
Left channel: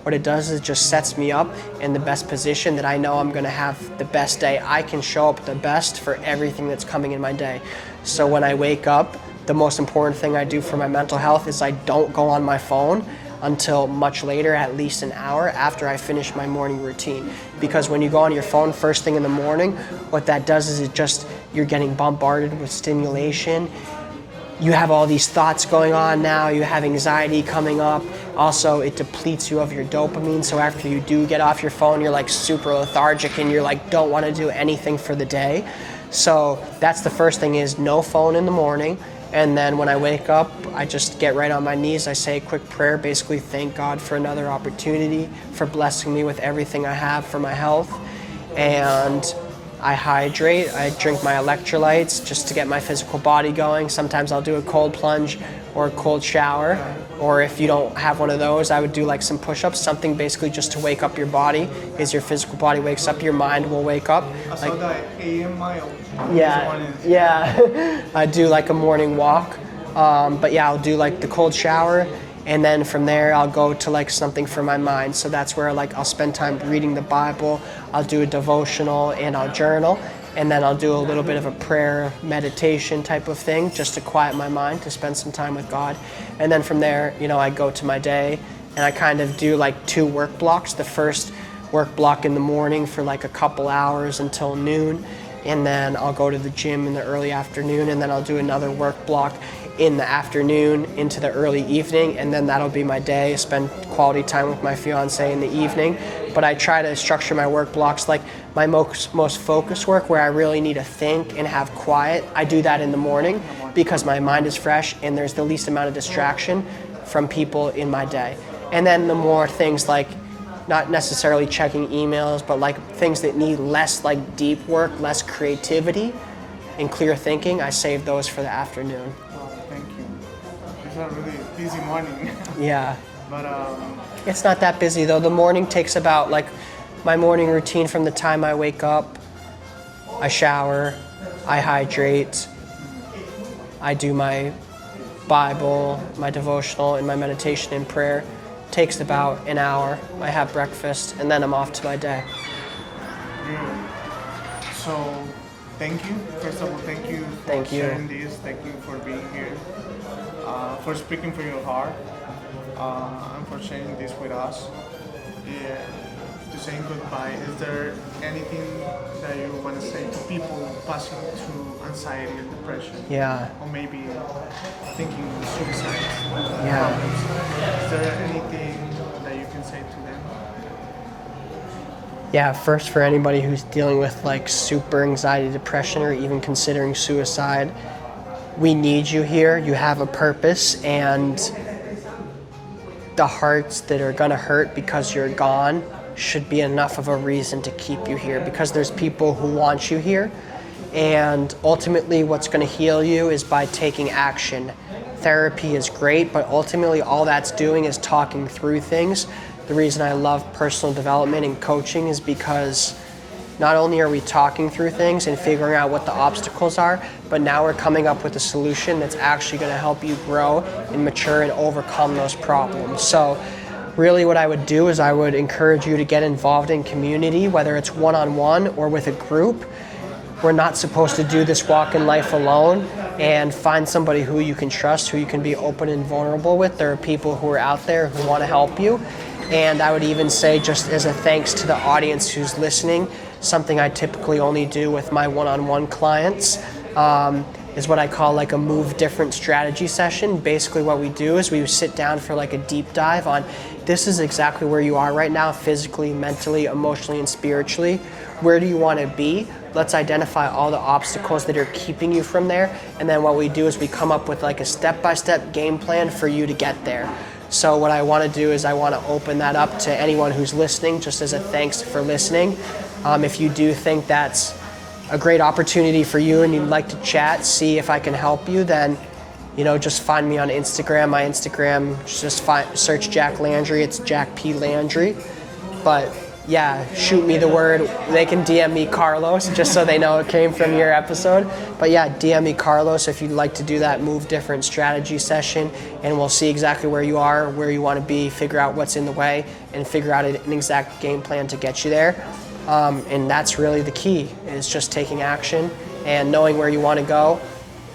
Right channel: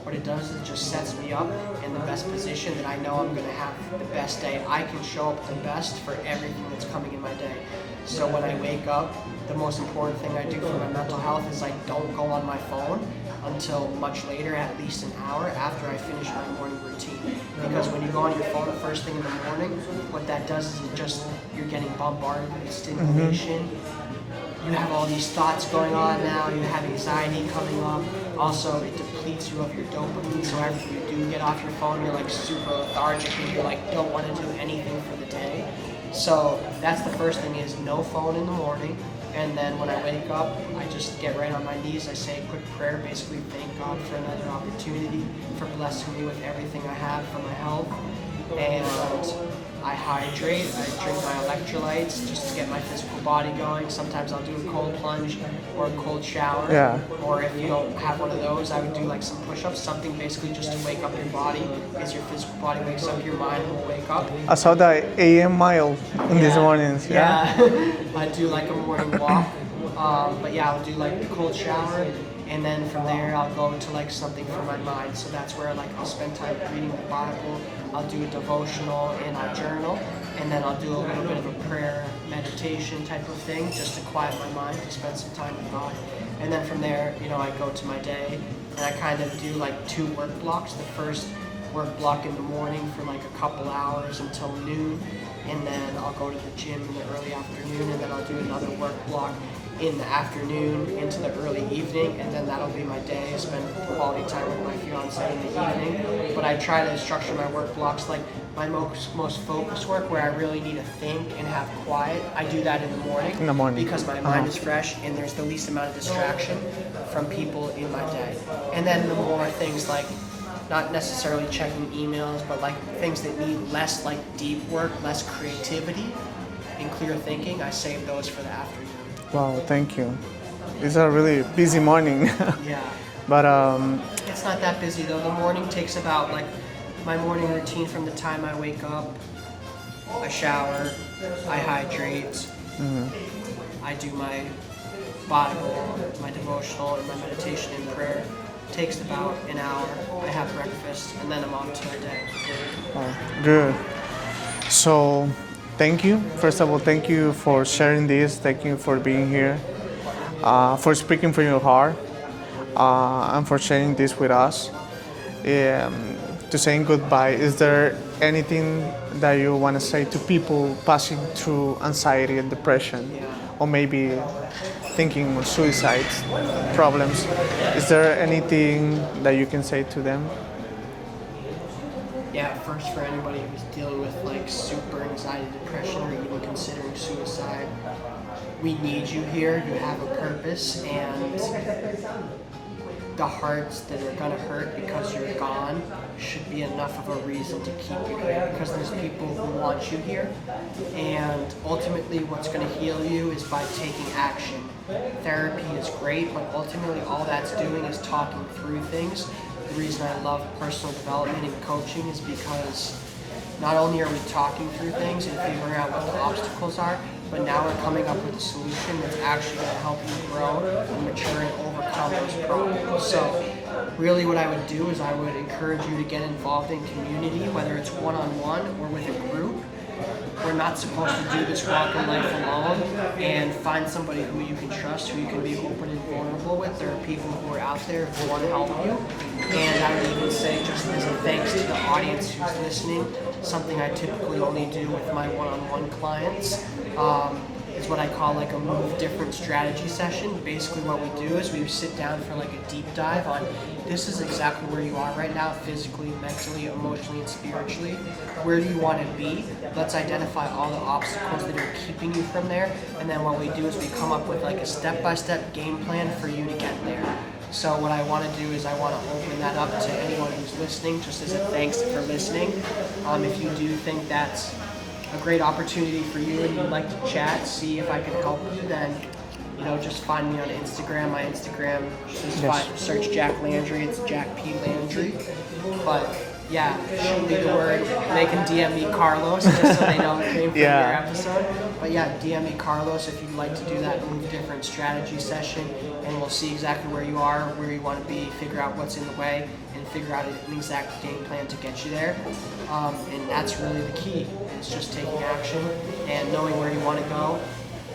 What it does is it just sets me up in the best position that I know I'm gonna have the best day. I can show up the best for everything that's coming in my day. So when I wake up, the most important thing I do for my mental health is I don't go on my phone until much later, at least an hour after I finish my morning routine. Because when you go on your phone first thing in the morning, what that does is you're getting bombarded with stimulation. You have all these thoughts going on now, you have anxiety coming up. Also, it depletes you of your dopamine, so after you do get off your phone, you're like super lethargic and you're like, don't want to do anything for the day. So that's the first thing, is no phone in the morning. And then when I wake up, I just get right on my knees. I say a quick prayer, basically thank God for another opportunity, for blessing me with everything I have for my health. And I hydrate, I drink my electrolytes just to get my physical body going. Sometimes I'll do a cold plunge or a cold shower. Yeah. Or if you don't have one of those, I would do like some push-ups, something basically just to wake up your body. As your physical body wakes up, your mind will wake up. I saw the AM mile in these mornings. Yeah. I do like a morning walk. But yeah, I'll do like the cold shower. And then from there, I'll go to like something for my mind. So that's where like I'll spend time reading the Bible. I'll do a devotional and I'll journal. And then I'll do a little bit of a prayer meditation type of thing just to quiet my mind, to spend some time with God. And then from there, I go to my day and I kind of do like 2 work blocks. The first work block in the morning for like a couple hours until noon. And then I'll go to the gym in the early afternoon, and then I'll do another work block in the afternoon into the early evening, and then that'll be my day. I spend quality time with my fiance in the evening, but I try to structure my work blocks like my most focused work, where I really need to think and have quiet. I do that in the morning because my mind is fresh and there's the least amount of distraction from people in my day. And then the more things like not necessarily checking emails, but like things that need less like deep work, less creativity and clear thinking, I save those for the afternoon. Wow, thank you. It's a really busy morning. Yeah. But it's not that busy though. The morning takes about like my morning routine from the time I wake up, I shower, I hydrate, I do my Bible, my devotional, and my meditation and prayer. Takes about an hour. I have breakfast and then I'm off to my day. Good. So thank you. First of all, thank you for sharing this. Thank you for being here, for speaking from your heart, and for sharing this with us. To saying goodbye, is there anything that you want to say to people passing through anxiety and depression? Yeah. Or maybe thinking of suicide problems. Is there anything that you can say to them? Yeah, first, for anybody who's dealing with like super anxiety, depression, or even considering suicide, we need you here. You have a purpose, and the hearts that are gonna hurt because you're gone should be enough of a reason to keep you here, because there's people who want you here. And ultimately what's going to heal you is by taking action. Therapy is great, but ultimately all that's doing is talking through things. The reason I love personal development and coaching is because not only are we talking through things and figuring out what the obstacles are, but now we're coming up with a solution that's actually going to help you grow and mature and overcome those problems. So really what I would do is I would encourage you to get involved in community, whether it's one-on-one or with a group. we're not supposed to do this walk in life alone, and find somebody who you can trust, who you can be open and vulnerable with. There are people who are out there who want to help you. And I would even say, just as a thanks to the audience who's listening, something I typically only do with my one-on-one clients is what I call like a move different strategy session. Basically what we do is we sit down for like a deep dive on, this is exactly where you are right now, physically, mentally, emotionally, and spiritually. Where do you want to be? Let's identify all the obstacles that are keeping you from there. And then what we do is we come up with like a step-by-step game plan for you to get there. So what I want to do is I want to open that up to anyone who's listening, just as a thanks for listening. If you do think that's a great opportunity for you and you'd like to chat, see if I can help you, then just find me on Instagram. My Instagram, search Jack Landry. It's Jack P. Landry. But yeah, shoot me the word. They can DM me Carlos, just so they know it came from your episode. But yeah, DM me Carlos if you'd like to do that move different strategy session, and we'll see exactly where you are, where you want to be, figure out what's in the way, and figure out an exact game plan to get you there. And that's really the key, is just taking action and knowing where you want to go,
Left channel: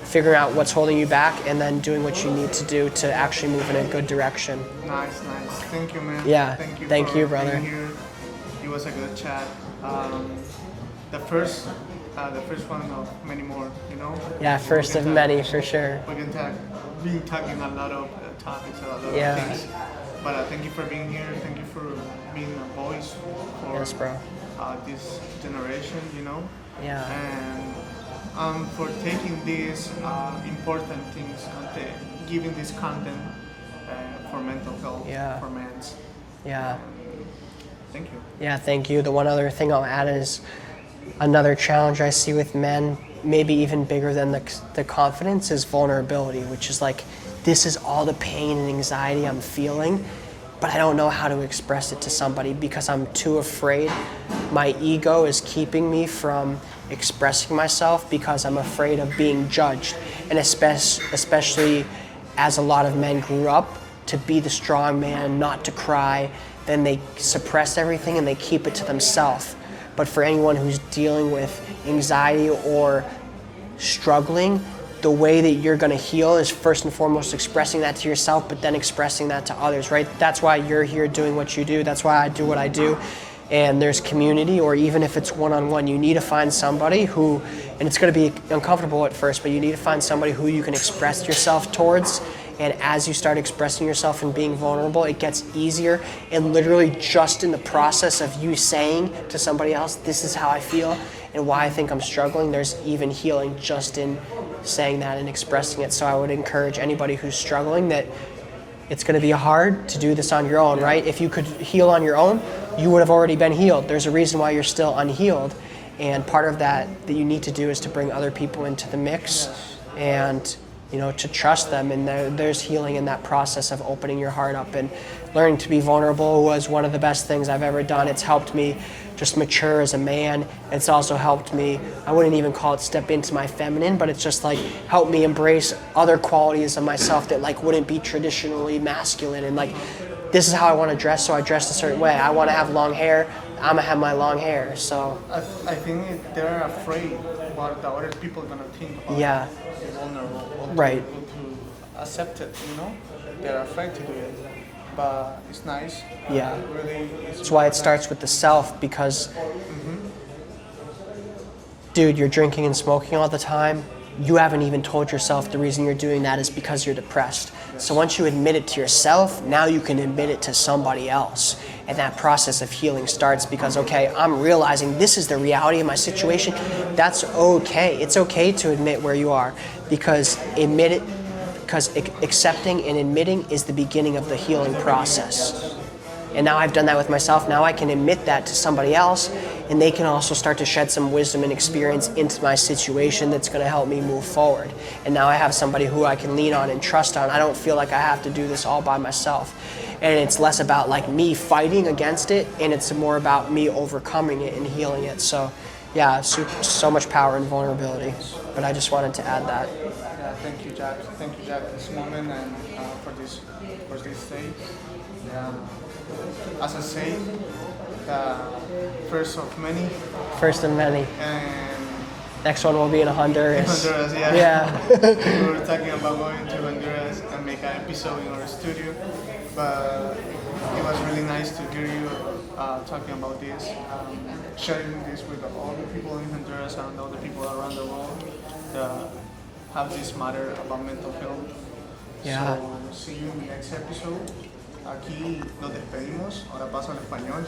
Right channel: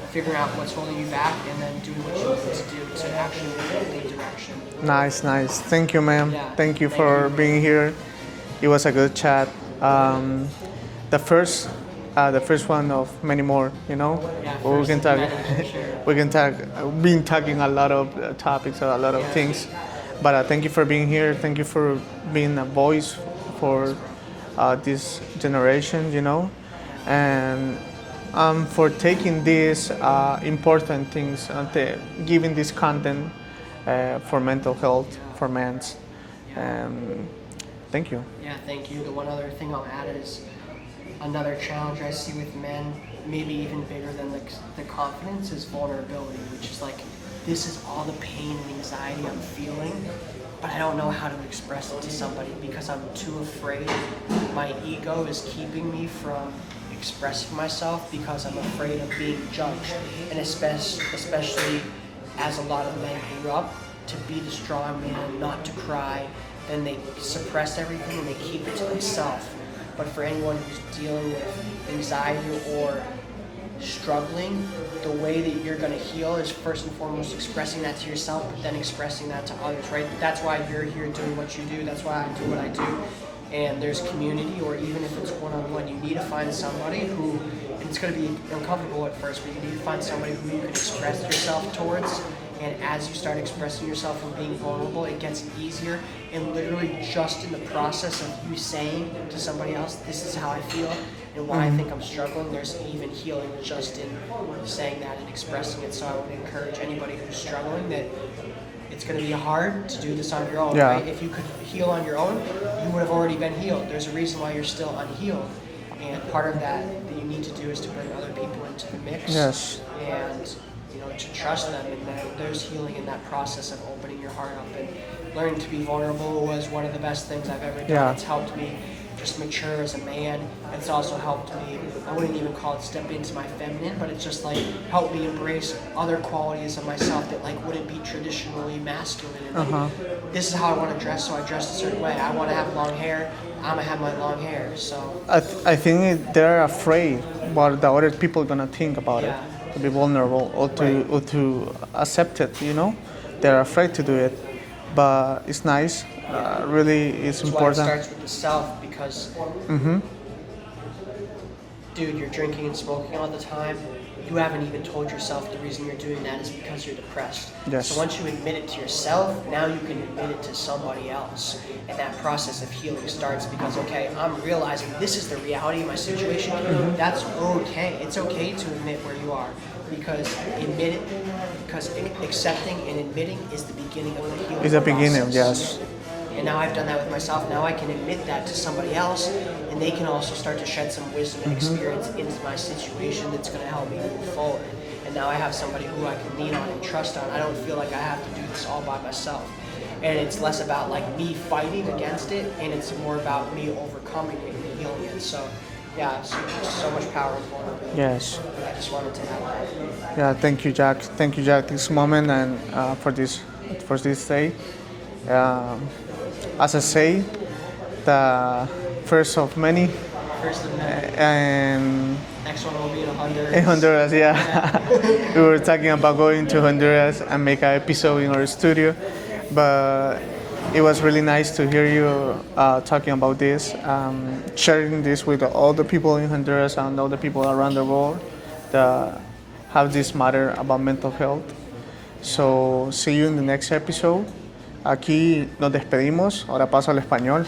figuring out what's holding you back, and then doing what you need to do to actually move in a good direction. Nice. Thank you, man. Yeah. Thank you for being here. It was a good chat. The first one of many more, Yeah, first of many, for sure. We can been talking a lot of topics, a lot of things. But thank you for being here. Thank you for being a voice for this generation, and for taking these important things, giving this content for mental health, for men's. Thank you. Yeah, thank you. The one other thing I'll add is another challenge I see with men, maybe even bigger than the confidence, is vulnerability, which is like, this is all the pain and anxiety I'm feeling, but I don't know how to express it to somebody because I'm too afraid. My ego is keeping me from expressing myself because I'm afraid of being judged. And especially as a lot of men grew up to be the strong man, not to cry, then they suppress everything and they keep it to themselves. But for anyone who's dealing with anxiety or struggling, the way that you're gonna heal is first and foremost expressing that to yourself, but then expressing that to others, right? That's why you're here doing what you do. That's why I do what I do. And there's community, or even if it's one-on-one, you need to find somebody who, and it's gonna be uncomfortable at first, but you need to find somebody who you can express yourself towards. And as you start expressing yourself and being vulnerable, it gets easier. And literally just in the process of you saying to somebody else, this is how I feel and why I think I'm struggling, there's even healing just in saying that and expressing it. So I would encourage anybody who's struggling that it's gonna be hard to do this on your own, right? If you could heal on your own, you would have already been healed. There's a reason why you're still unhealed. And part of that you need to do is to bring other people into the mix. And to trust them, and there's healing in that process of opening your heart up. And learning to be vulnerable was one of the best things I've ever done. It's helped me just mature as a man. It's also helped me, I wouldn't even call it step into my feminine, but it's just like helped me embrace other qualities of myself that like wouldn't be traditionally masculine. And like, this is how I want to dress, so I dress a certain way. I want to have long hair, I'm gonna have my long hair. So I think they're afraid what the other people are gonna think about it. To be vulnerable or to accept it, they're afraid to do it, but it's nice. Really, it's That's important. why it starts with the self, because dude, you're drinking and smoking all the time. You haven't even told yourself the reason you're doing that is because you're depressed. So once you admit it to yourself, now you can admit it to somebody else. And that process of healing starts because, okay, I'm realizing this is the reality of my situation. That's okay. It's okay to admit where you are, because accepting and admitting is the beginning of the healing process. And now I've done that with myself. Now I can admit that to somebody else, and they can also start to shed some wisdom and experience into my situation that's going to help me move forward. And now I have somebody who I can lean on and trust on. I don't feel like I have to do this all by myself. And it's less about like me fighting against it, and it's more about me overcoming it and healing it. So yeah, so much power in vulnerability. But I just wanted to add that. Yeah, thank you, Jack. Thank you, Jack, this moment and for this day. As I say, the first of many First of many. And Next one will be in Honduras. in Honduras, yeah. Yeah. We were talking about going to Honduras and make an episode in our studio, but it was really nice to hear you talking about this, sharing this with all the people in Honduras and all the people around the world that have this matter about mental health. Yeah. So, see you in the next episode. Aquí nos despedimos, ahora paso al español.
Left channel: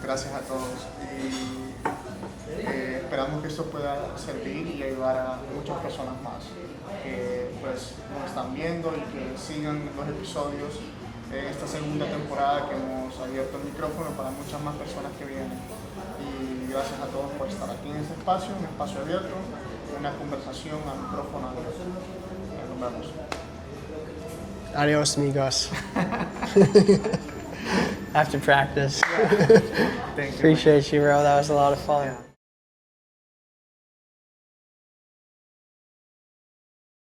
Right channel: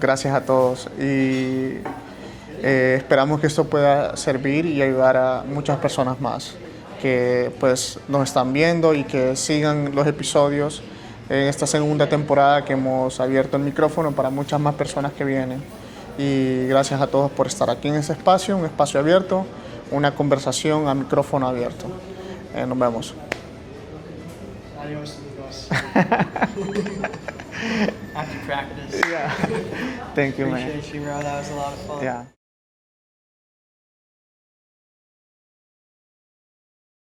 Gracias a todos y esperamos que esto pueda servir y ayudar a muchas personas más que pues nos están viendo y que sigan los episodios en esta segunda temporada que hemos abierto el micrófono para muchas más personas que vienen. Y gracias a todos por estar aquí en este espacio, un espacio abierto, una conversación a micrófono abierto. Nos vemos. Adios, amigos. After practice. Thank you. Appreciate you, bro. That was a lot of fun. Yeah.